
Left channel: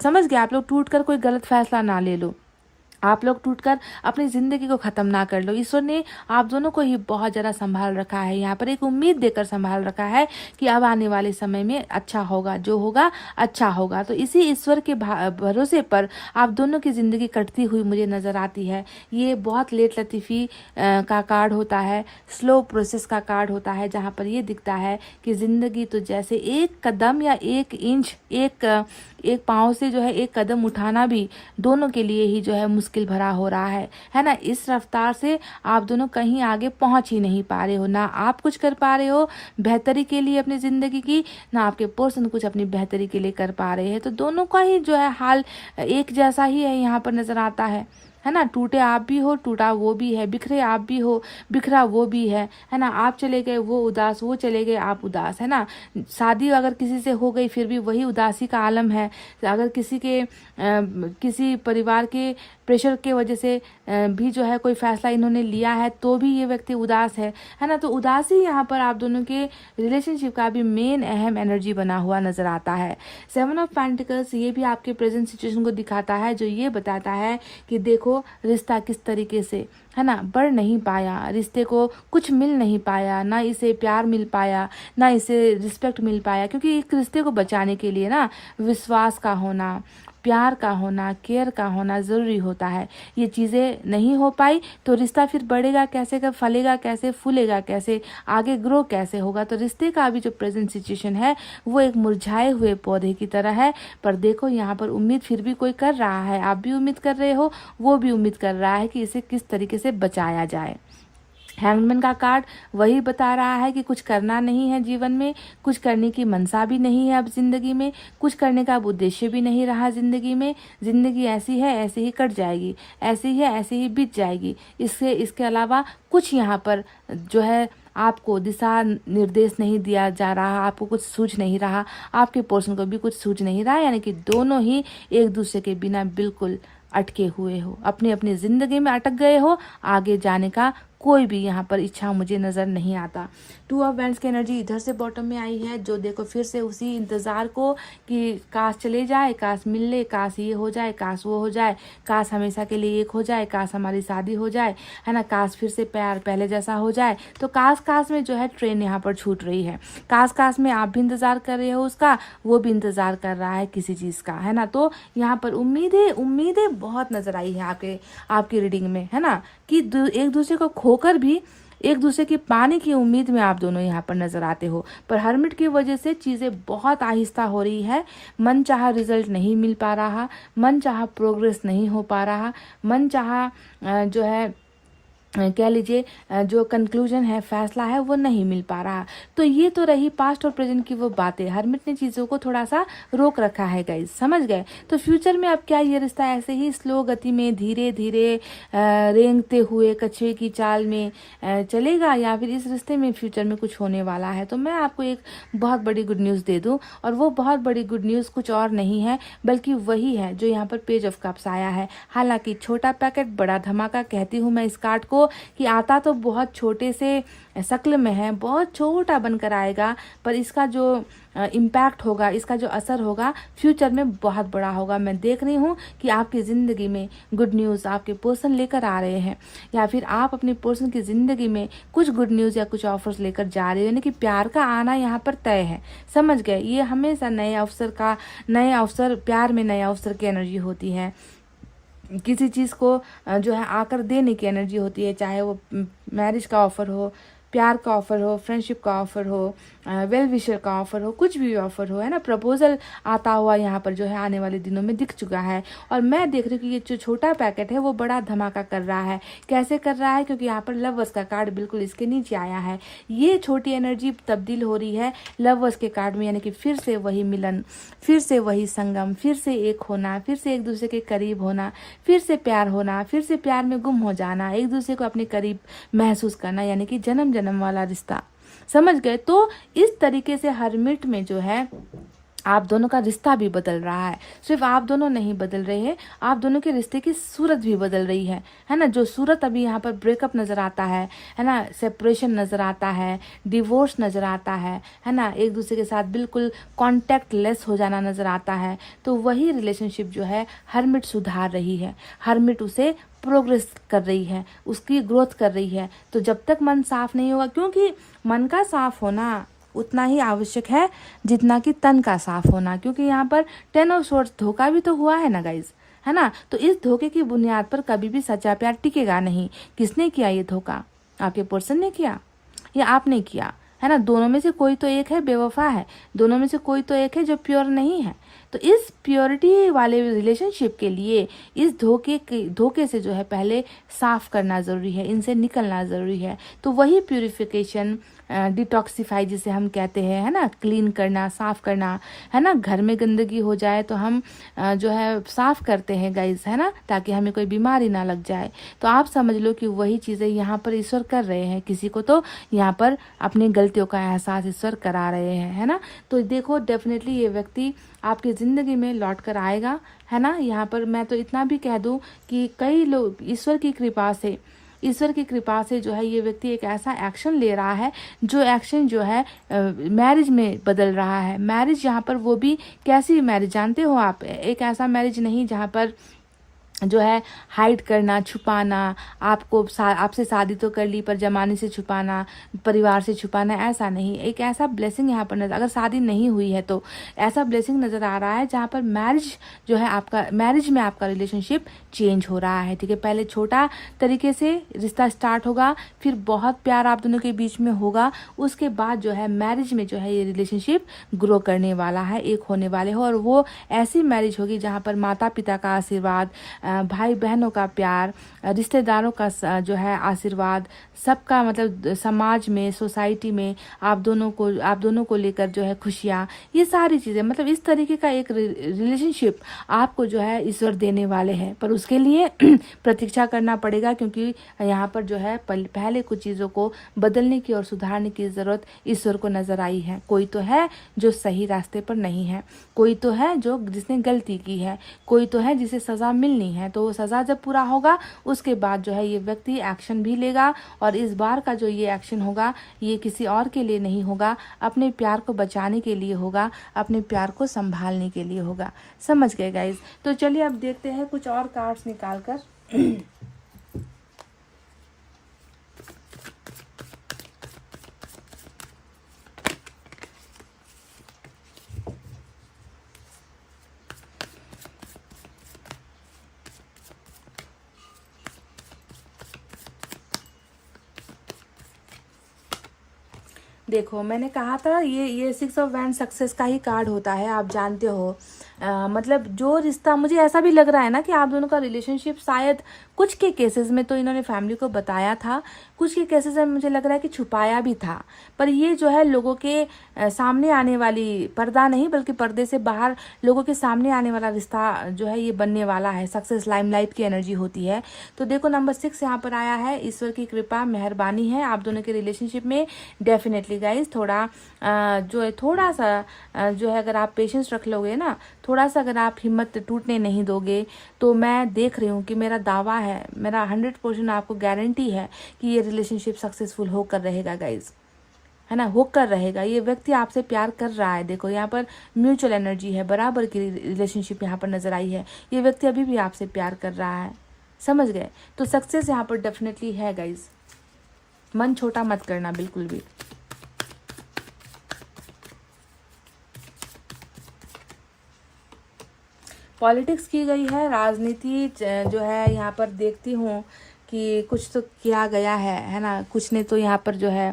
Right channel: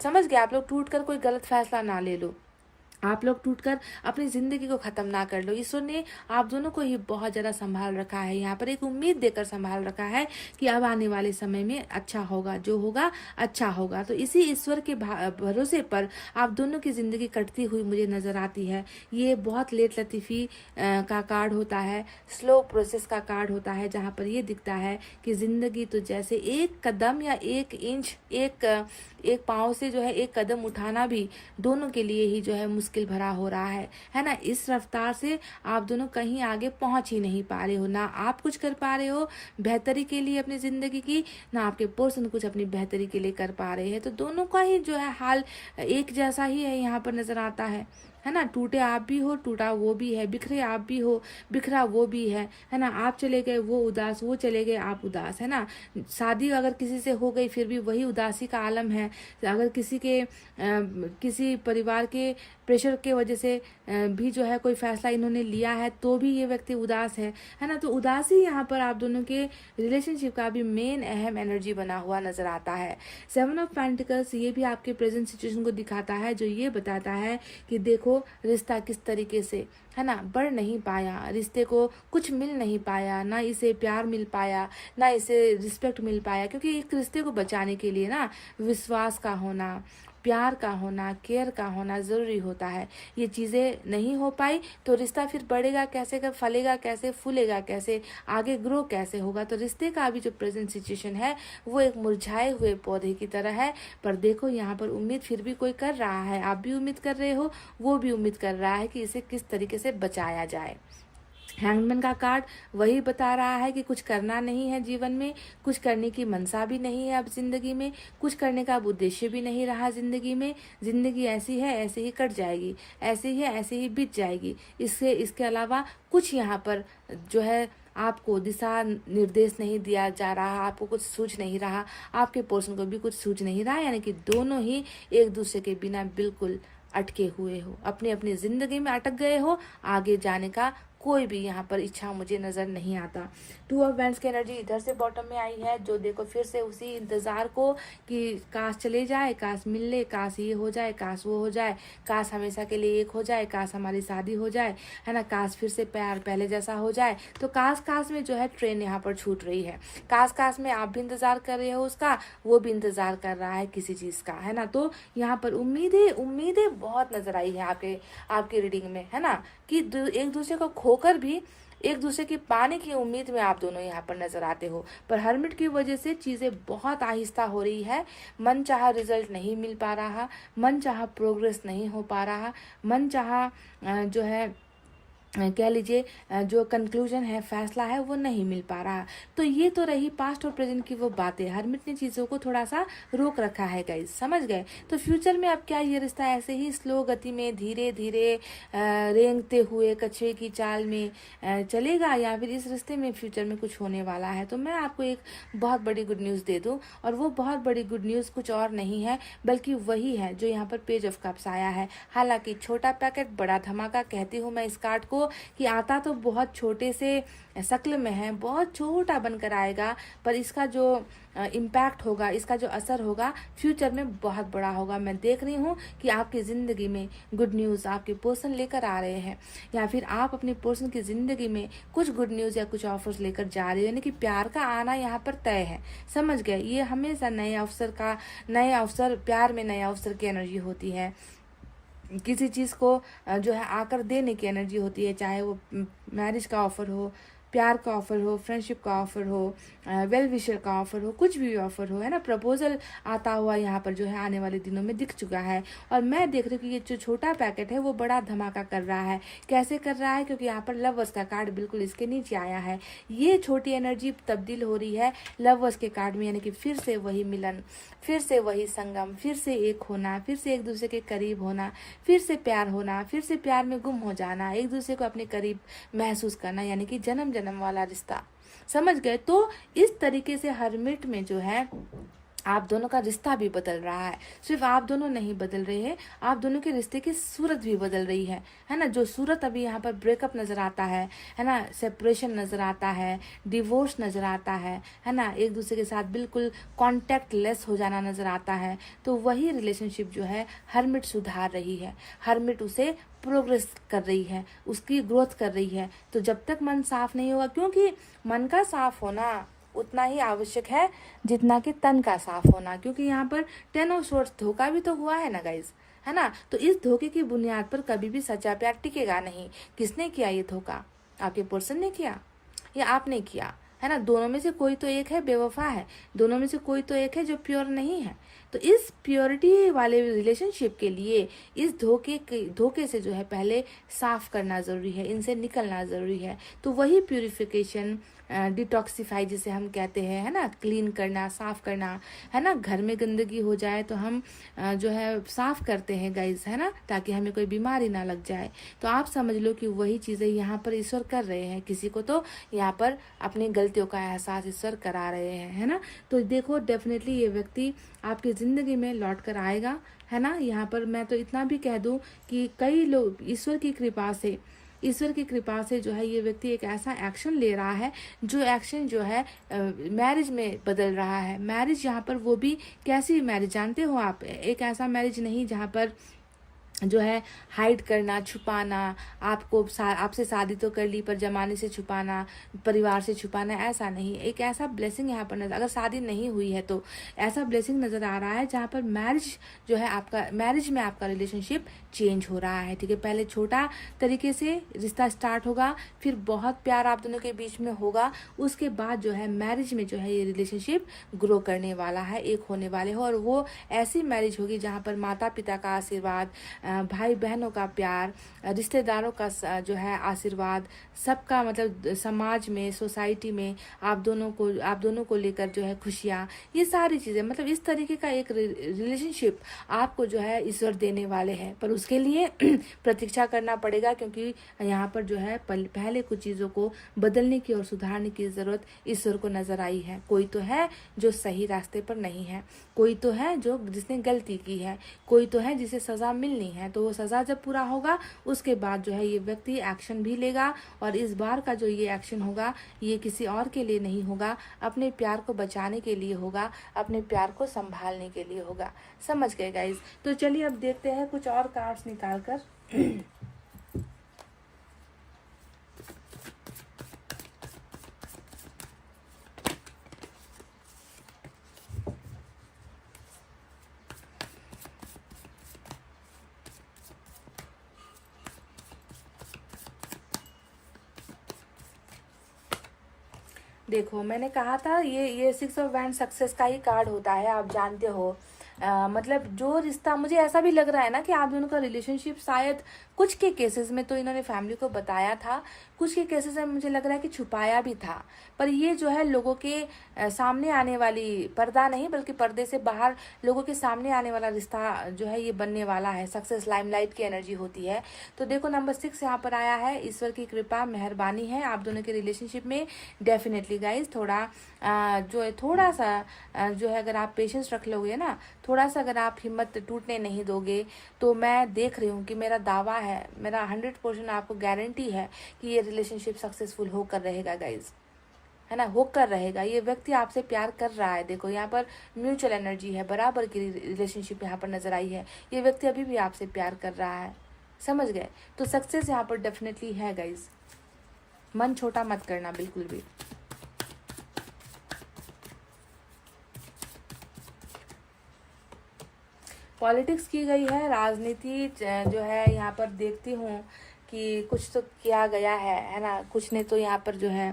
समझ गए, आप लोग टूट कर कोई गलत फैसला ना ले लो, आप लोग टूटकर अपनी जिंदगी को खत्म ना कर लो। ईश्वर ने आप दोनों को ही बहुत ज़्यादा संभाल रखा है, यहाँ पर एक उम्मीद देकर संभाल रखा है कि अब आने वाले समय में अच्छा होगा, जो होगा अच्छा होगा। तो इसी ईश्वर के भरोसे पर आप दोनों की ज़िंदगी कटती हुई मुझे नज़र आती है। ये बहुत लेट लतीफ़ी का कार्ड होता है, स्लो प्रोसेस का कार्ड होता है, जहाँ पर ये दिखता है कि ज़िंदगी तो जैसे एक कदम या एक इंच, एक पाँव से जो है एक कदम उठाना भी दोनों के लिए ही जो है मुश्किल भरा हो रहा है ना। इस रफ्तार से आप दोनों कहीं आगे पहुंच ही नहीं पा रहे हो, ना आप कुछ कर पा रहे हो बेहतरी के लिए अपनी जिंदगी की, ना आपके पर्सन कुछ अपनी बेहतरी के लिए कर पा रहे हैं। तो दोनों का ही जो है हाल एक जैसा ही है, यहाँ पर नजर आता है ना। टूटे आप भी हो, टूटा वो भी है, बिखरे आप भी हो, बिखरा वो भी है ना। आप चले गए वो उदास, वो चले गए आप उदास, है ना। शादी अगर किसी से हो गई फिर भी वही उदासी का आलम है। अगर किसी परिवार के प्रेशर की वजह से भी जो है कोई फैसला इन्होंने लिया है तो भी ये व्यक्ति उदास है ना। तो उदासी यहाँ पर आप दोनों के रिलेशनशिप का भी मेन अहम एनर्जी बना हुआ नजर आता है। 7 ऑफ पेंटिकल्स ये भी आपके प्रेजेंट सिचुएशन को दिखाता है, जो ये बताता है कि देखो रिश्ता किस तरीके से है ना, बढ़ नहीं पाया, रिश्ते को कुछ मिल नहीं पाया, ना इसे प्यार मिल पाया, ना इसे रिस्पेक्ट मिल पाया। क्योंकि एक रिश्ते को बचाने के लिए ना विश्वास का होना, प्यार का होना, केयर का होना ज़रूरी होता है। ये चीज़ें नहीं हो पाई तो रिश्ता फिर बढ़ेगा कैसे, का फलेगा कैसे, फूलेगा कैसे, आगे ग्रो कैसे होगा। तो रिश्ते का अभी जो प्रेजेंट सिचुएशन है वो एक मुरझाए हुए पौधे की तरह है। पर देखो यहाँ पर उम्मीद फिर भी कोई कर रहा है, आप भी उम्मीद कर रहे हो, वो भी उम्मीद कर रहा है कि इसे किस तरीके से बचाया जाए। हैंगमैन का कार्ड वही बता रहा है कि कुछ करना नहीं है जीवन में, कुछ करने की मनसा भी नहीं है अब जिंदगी में, कुछ करने का अब उद्देश्य भी नहीं रहा जिंदगी में। जिंदगी ऐसी है, ऐसे ही कट जाएगी, ऐसी है, ऐसे ही बीत जाएगी। इसके अलावा कुछ यहाँ पर जो है आपको दिशा निर्देश नहीं दिया जा रहा, आपको कुछ सूझ नहीं रहा, आपके पोर्शन को भी कुछ सूझ नहीं रहा। यानी कि दोनों ही एक दूसरे के बिना बिल्कुल अटके हुए हो, अपनी अपनी जिंदगी में अटक गए हो। आगे जाने का कोई भी यहाँ पर इच्छा मुझे नजर नहीं आता। 2 ऑफ वैंड्स की एनर्जी इधर से बॉटम में आई है, जो देखो फिर से उसी इंतजार को कि काश चले जाए, काश मिल ले, काश ये हो जाए, काश वो हो जाए, काश हमेशा के लिए एक हो जाए, काश हमारी शादी हो जाए, है ना, काश फिर से प्यार पहले जैसा हो जाए। तो काश काश में जो है ट्रेन यहाँ पर छूट रही है। काश काश में आप भी इंतजार कर रहे हो उसका, वो भी इंतजार कर रहा है किसी चीज का, है ना। तो यहाँ पर उम्मीदें बहुत नजर आई है आपकी रीडिंग में, है ना, कि एक दूसरे को खोकर भी एक दूसरे के पाने की उम्मीद में आप दोनों यहाँ पर नजर आते हो। पर हर्मिट की वजह से चीजें बहुत आहिस्ता हो रही है, मन चाहा रिजल्ट नहीं मिल पा रहा, मन चाहा प्रोग्रेस नहीं हो पा रहा, मन चाहा जो है कह लीजिए जो कंक्लूजन है, फैसला है, वो नहीं मिल पा रहा। तो ये तो रही पास्ट और प्रेजेंट की वो बातें। हर्मिट ने चीज़ों को थोड़ा सा रोक रखा है गाइज, समझ गए। तो फ्यूचर में अब क्या ये रिश्ता ऐसे ही स्लो गति में धीरे धीरे रेंगते हुए कछुए की चाल में चलेगा, या फिर इस रिश्ते में फ्यूचर में कुछ होने वाला है? तो मैं आपको एक बहुत बड़ी गुड न्यूज़ दे दूं, और वो बहुत बड़ी गुड न्यूज़ कुछ और नहीं है बल्कि वही है जो यहाँ पर पेज ऑफ कप्स आया है। हालांकि छोटा पैकेट बड़ा धमाका कहती हूँ मैं इस कार्ड को, कि आता तो बहुत छोटे से शक्ल में है, बहुत छोटा बनकर आएगा, पर इसका जो इम्पैक्ट होगा, इसका जो असर होगा फ्यूचर में बहुत बड़ा होगा। मैं देख रही हूँ कि आपकी ज़िंदगी में गुड न्यूज़ आपके पर्सन लेकर आ रहे हैं, या फिर आप अपने पर्सन की ज़िंदगी में कुछ गुड न्यूज़ या कुछ ऑफर्स लेकर जा रहे हो। यानी कि प्यार का आना यहाँ पर तय है, समझ गए। ये हमेशा नए अवसर प्यार में नए अवसर की एनर्जी होती है, किसी चीज़ को जो है आकर देने की एनर्जी होती है, चाहे वो मैरिज का ऑफर हो, प्यार का ऑफर हो, फ्रेंडशिप का ऑफर हो, वेल विशर का ऑफर हो, कुछ भी ऑफर हो, है ना। प्रपोजल आता हुआ यहाँ पर जो है आने वाले दिनों में दिख चुका है। और मैं देख रही हूँ कि ये जो छोटा पैकेट है वो बड़ा धमाका कर रहा है। कैसे कर रहा है? क्योंकि यहाँ पर लवर्स का कार्ड बिल्कुल इसके नीचे आया है। ये छोटी एनर्जी तब्दील हो रही है लवर्स के कार्ड में, यानी कि फिर से वही मिलन, फिर से वही संगम, फिर से एक होना, फिर से एक दूसरे के करीब होना, फिर से प्यार होना, फिर से प्यार में गुम हो जाना, एक दूसरे को अपने करीब महसूस करना, यानी कि जन्म जन्म वाला रिश्ता, समझ गए। तो इस तरीके से हर्मिट में जो है आप दोनों का रिश्ता भी बदल रहा है। सिर्फ आप दोनों नहीं बदल रहे हैं, आप दोनों के रिश्ते की सूरत भी बदल रही है ना। जो सूरत अभी यहाँ पर ब्रेकअप नजर आता है ना, सेपरेशन नजर आता है, डिवोर्स नजर आता है ना, एक दूसरे के साथ बिल्कुल कॉन्टेक्ट लेस हो जाना नजर आता है। तो वही रिलेशनशिप जो है हर्मिट सुधार रही है, हर्मिट उसे प्रोग्रेस कर रही है, उसकी ग्रोथ कर रही है। तो जब तक मन साफ नहीं होगा, क्योंकि मन का साफ होना उतना ही आवश्यक है जितना कि तन का साफ होना, क्योंकि यहाँ पर 10 ऑफ स्वॉर्ड्स धोखा भी तो हुआ है ना गाइज, है ना। तो इस धोखे की बुनियाद पर कभी भी सच्चा प्यार टिकेगा नहीं। किसने किया ये धोखा? आपके पर्सन ने किया या आपने किया, है ना। दोनों में से कोई तो एक है बेवफा है, दोनों में से कोई तो एक है जो प्योर नहीं है। तो इस प्योरिटी वाले रिलेशनशिप के लिए इस धोखे से जो है पहले साफ करना जरूरी है, इनसे निकलना जरूरी है। तो वही प्यूरिफिकेशन, डिटॉक्सिफाई जिसे हम कहते हैं, है ना, क्लीन करना, साफ करना, है ना। घर में गंदगी हो जाए तो हम जो है साफ करते हैं गाइज, है ना, ताकि हमें कोई बीमारी ना लग जाए। तो आप समझ लो कि वही चीजें यहाँ पर ईश्वर कर रहे हैं। किसी को तो यहाँ पर अपनी गलतियों का एहसास ईश्वर करा रहे हैं, है ना। तो देखो डेफिनेटली ये व्यक्ति आपकी जिंदगी में लौट कर आएगा, है ना। यहाँ पर मैं तो इतना भी कह दूं कि कई लोग ईश्वर की कृपा से जो है ये व्यक्ति एक ऐसा एक्शन ले रहा है, जो एक्शन जो है मैरिज में बदल रहा है। मैरिज यहाँ पर वो भी कैसी मैरिज जानते हो आप? एक ऐसा मैरिज नहीं जहाँ पर जो है हाइड करना, छुपाना, आपसे शादी तो कर ली पर जमाने से छुपाना, परिवार से छुपाना, ऐसा नहीं। एक ऐसा ब्लेसिंग यहाँ पर नजर, अगर शादी नहीं हुई है तो ऐसा ब्लेसिंग नजर आ रहा है जहाँ पर मैरिज जो है आपका, मैरिज में आपका रिलेशनशिप चेंज हो रहा है। ठीक है, पहले छोटा तरीके से रिश्ता स्टार्ट होगा, फिर बहुत प्यार आप दोनों के बीच में होगा, उसके बाद जो है मैरिज में जो है ये रिलेशनशिप ग्रो करने वाला है, एक होने वाले हो। और वो ऐसी मैरिज होगी जहाँ पर माता पिता का आशीर्वाद, भाई बहनों का प्यार, रिश्तेदारों का जो है आशीर्वाद, सबका मतलब समाज में, सोसाइटी में आप दोनों को लेकर जो है खुशियाँ, ये सारी चीज़ें, मतलब इस तरीके का एक रिलेशनशिप आपको जो है ईश्वर देने वाले हैं। पर उसके लिए प्रतीक्षा करना पड़ेगा, क्योंकि यहाँ पर जो है पहले कुछ चीज़ों को बदलने की और सुधारने की ज़रूरत ईश्वर को नज़र आई है। कोई तो है जो सही रास्ते पर नहीं है, कोई तो है जो जिसने गलती की है, कोई तो है जिसे सज़ा मिलनी है। तो वो सज़ा जब पूरा होगा उसके बाद जो है ये व्यक्ति एक्शन भी लेगा, और इस बार का जो ये एक्शन होगा ये किसी और के लिए नहीं होगा, अपने प्यार को बचाने के लिए होगा, अपने प्यार को संभालने के लिए होगा। समझ गए गाइज? तो चलिए अब देखते हैं कुछ और कार्ड्स निकाल कर। देखो, मैंने कहा था ये 6 ऑफ वैंड सक्सेस का ही कार्ड होता है, आप जानते हो। मतलब जो रिश्ता, मुझे ऐसा भी लग रहा है ना कि आप दोनों का रिलेशनशिप शायद कुछ के केसेस में तो इन्होंने फैमिली को बताया था, कुछ के केसेस में मुझे लग रहा है कि छुपाया भी था। पर ये जो है लोगों के सामने आने वाली, पर्दा नहीं बल्कि पर्दे से बाहर लोगों के सामने आने वाला रिश्ता जो है ये बनने वाला है। सक्सेस, लाइमलाइट की एनर्जी होती है। तो देखो नंबर 6 यहाँ पर आया है, ईश्वर की कृपा, मेहरबानी है आप दोनों के रिलेशनशिप में। डेफिनेटली गाइज थोड़ा जो है, थोड़ा सा जो है, अगर आप पेशेंस रख लोगे ना, थोड़ा सा अगर आप हिम्मत टूटने नहीं दोगे, तो मैं देख रही हूँ कि मेरा दावा है, मेरा 100% आपको गारंटी है कि ये रिलेशनशिप सक्सेसफुल होकर रहेगा गाइज, है ना, होकर रहेगा। ये व्यक्ति आपसे प्यार कर रहा है। देखो यहाँ पर म्यूचुअल एनर्जी है, बराबर की रिलेशनशिप यहाँ पर नजर आई है। ये व्यक्ति अभी भी आपसे प्यार कर रहा है, समझ गए? तो सक्सेस यहाँ पर डेफिनेटली है गाइज, मन छोटा मत करना बिल्कुल भी। पॉलिटिक्स की गई है, राजनीति जो है यहाँ पर देखती हूँ कि कुछ तो किया गया है ना। कुछ ने तो यहाँ पर जो है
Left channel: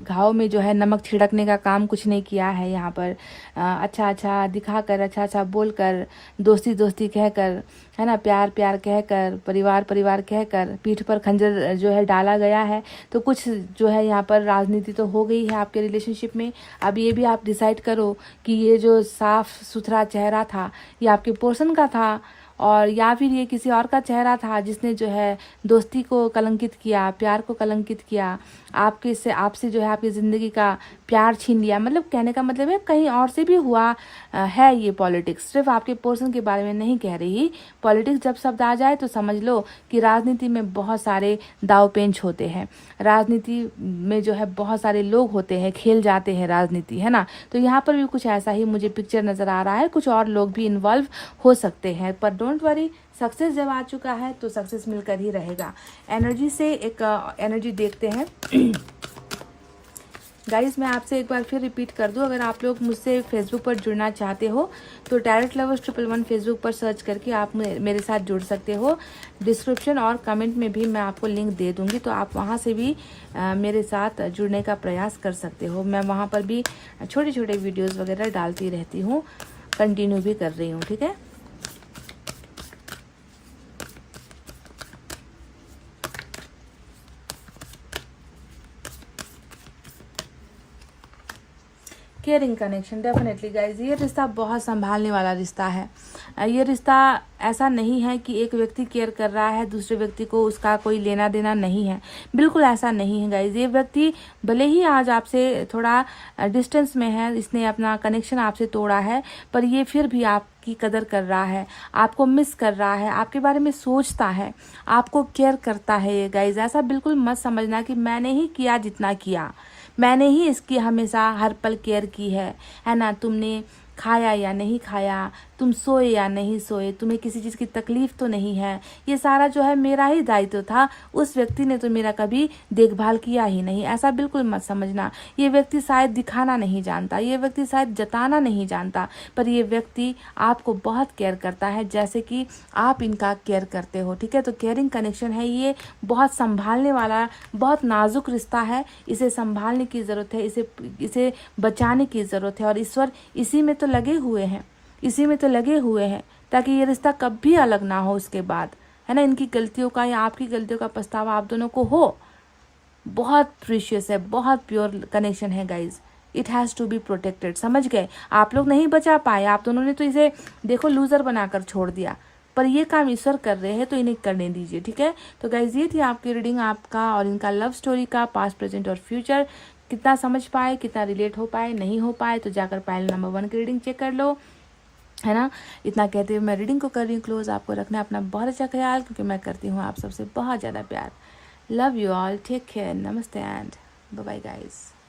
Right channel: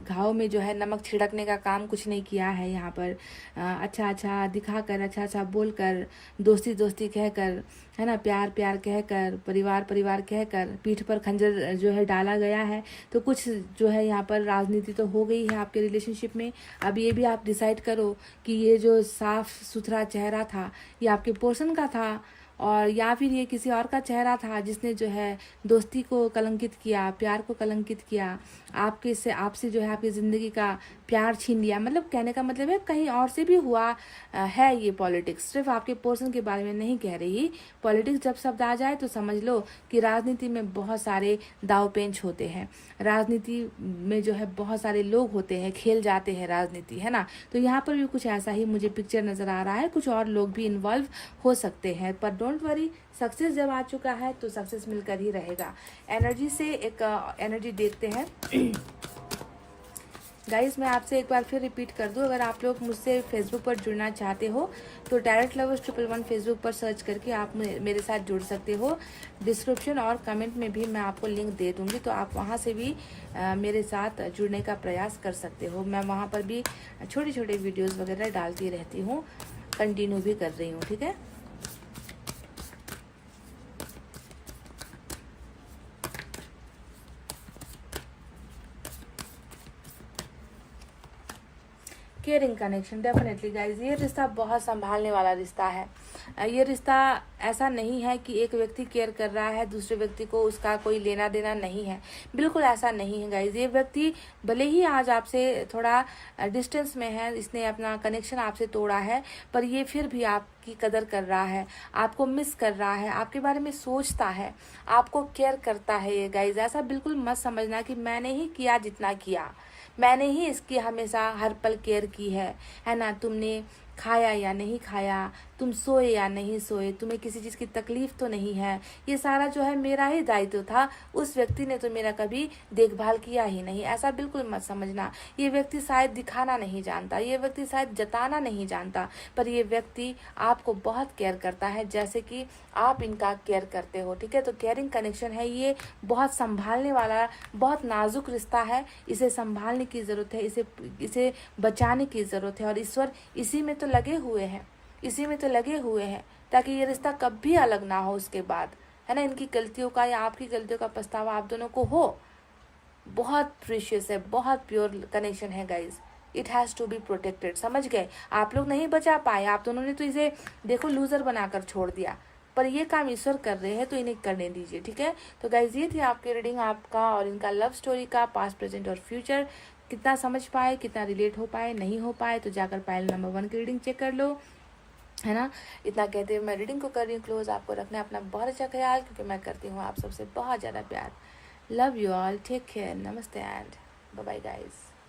घाव में जो है नमक छिड़कने का काम कुछ ने किया है यहाँ पर। अच्छा अच्छा दिखाकर, अच्छा अच्छा बोलकर, दोस्ती दोस्ती कहकर, है ना, प्यार प्यार कहकर, परिवार परिवार कहकर पीठ पर खंजर जो है डाला गया है। तो कुछ जो है यहाँ पर राजनीति तो हो गई है आपके रिलेशनशिप में। अब ये भी आप डिसाइड करो कि ये जो साफ सुथरा चेहरा था ये आपके पर्सन का था, और या फिर ये किसी और का चेहरा था जिसने जो है दोस्ती को कलंकित किया, प्यार को कलंकित किया, आपसे जो है आपकी ज़िंदगी का प्यार छीन लिया। मतलब कहने का मतलब है कहीं और से भी हुआ है ये पॉलिटिक्स, सिर्फ आपके पर्सन के बारे में नहीं कह रही। पॉलिटिक्स जब शब्द आ जाए तो समझ लो कि राजनीति में बहुत सारे दाव पेंच होते हैं, राजनीति में जो है बहुत सारे लोग होते हैं, खेल जाते हैं राजनीति, है ना। तो यहाँ पर भी कुछ ऐसा ही मुझे पिक्चर नज़र आ रहा है, कुछ और लोग भी इन्वॉल्व हो सकते हैं। पर डोंट वरी, सक्सेस जब आ चुका है तो सक्सेस मिलकर ही रहेगा। एनर्जी से एक एनर्जी देखते हैं गाइस। मैं आपसे एक बार फिर रिपीट कर दूं, अगर आप लोग मुझसे फेसबुक पर जुड़ना चाहते हो तो टैरोट लवर्स 111 फेसबुक पर सर्च करके आप मेरे साथ जुड़ सकते हो। डिस्क्रिप्शन और कमेंट में भी मैं आपको लिंक दे दूंगी, तो आप वहां से भी मेरे साथ जुड़ने का प्रयास कर सकते हो। मैं वहां पर भी छोटे छोटे वीडियोज़ वगैरह डालती रहती हूँ, कंटिन्यू भी कर रही हूँ, ठीक है। केयरिंग कनेक्शन, डेफिनेटली गाइज ये रिश्ता बहुत संभालने वाला रिश्ता है। ये रिश्ता ऐसा नहीं है कि एक व्यक्ति केयर कर रहा है, दूसरे व्यक्ति को उसका कोई लेना देना नहीं है, बिल्कुल ऐसा नहीं है गाइज। ये व्यक्ति भले ही आज आपसे थोड़ा डिस्टेंस में है, इसने अपना कनेक्शन आपसे तोड़ा है, पर ये फिर भी आपकी कदर कर रहा है, आपको मिस कर रहा है, आपके बारे में सोचता है, आपको केयर करता है। ये गाइज ऐसा बिल्कुल मत समझना कि मैंने ही किया जितना किया, मैंने ही इसकी हमेशा हर पल केयर की है ना, तुमने खाया या नहीं खाया, तुम सोए या नहीं सोए, तुम्हें किसी चीज़ की तकलीफ तो नहीं है, ये सारा जो है मेरा ही दायित्व था, उस व्यक्ति ने तो मेरा कभी देखभाल किया ही नहीं। ऐसा बिल्कुल मत समझना। ये व्यक्ति शायद दिखाना नहीं जानता, ये व्यक्ति शायद जताना नहीं जानता, पर ये व्यक्ति आपको बहुत केयर करता है जैसे कि आप इनका केयर करते हो। ठीक है, तो केयरिंग कनेक्शन है ये, बहुत संभालने वाला, बहुत नाजुक रिश्ता है। इसे संभालने की ज़रूरत है, इसे बचाने की ज़रूरत है। और ईश्वर इसी में तो लगे हुए हैं, इसी में तो लगे हुए हैं ताकि ये रिश्ता कभी अलग ना हो उसके बाद, है ना। इनकी गलतियों का या आपकी गलतियों का पछतावा आप दोनों को हो। बहुत प्रीशियस है, बहुत प्योर कनेक्शन है guys. It has to be protected, समझ गए। आप लोग नहीं बचा पाए, आप दोनों ने तो इसे देखो लूजर बनाकर छोड़ दिया, पर ये काम ईश्वर कर रहे हैं तो इन्हें करने दीजिए। ठीक है, तो गाइज ये थी आपकी रीडिंग, आपका और इनका लव स्टोरी का पास्ट, प्रेजेंट और फ्यूचर। कितना समझ पाए, कितना रिलेट हो पाए, नहीं हो पाए तो जाकर पायल नंबर 1 की रीडिंग चेक कर लो, है ना। इतना कहते हुए मैं रीडिंग को कर रही हूँ क्लोज। आपको रखना है अपना बहुत अच्छा ख्याल, क्योंकि मैं करती हूँ आप सबसे बहुत ज़्यादा प्यार। Love you all, take care, नमस्ते एंड बाय बाय गाइस।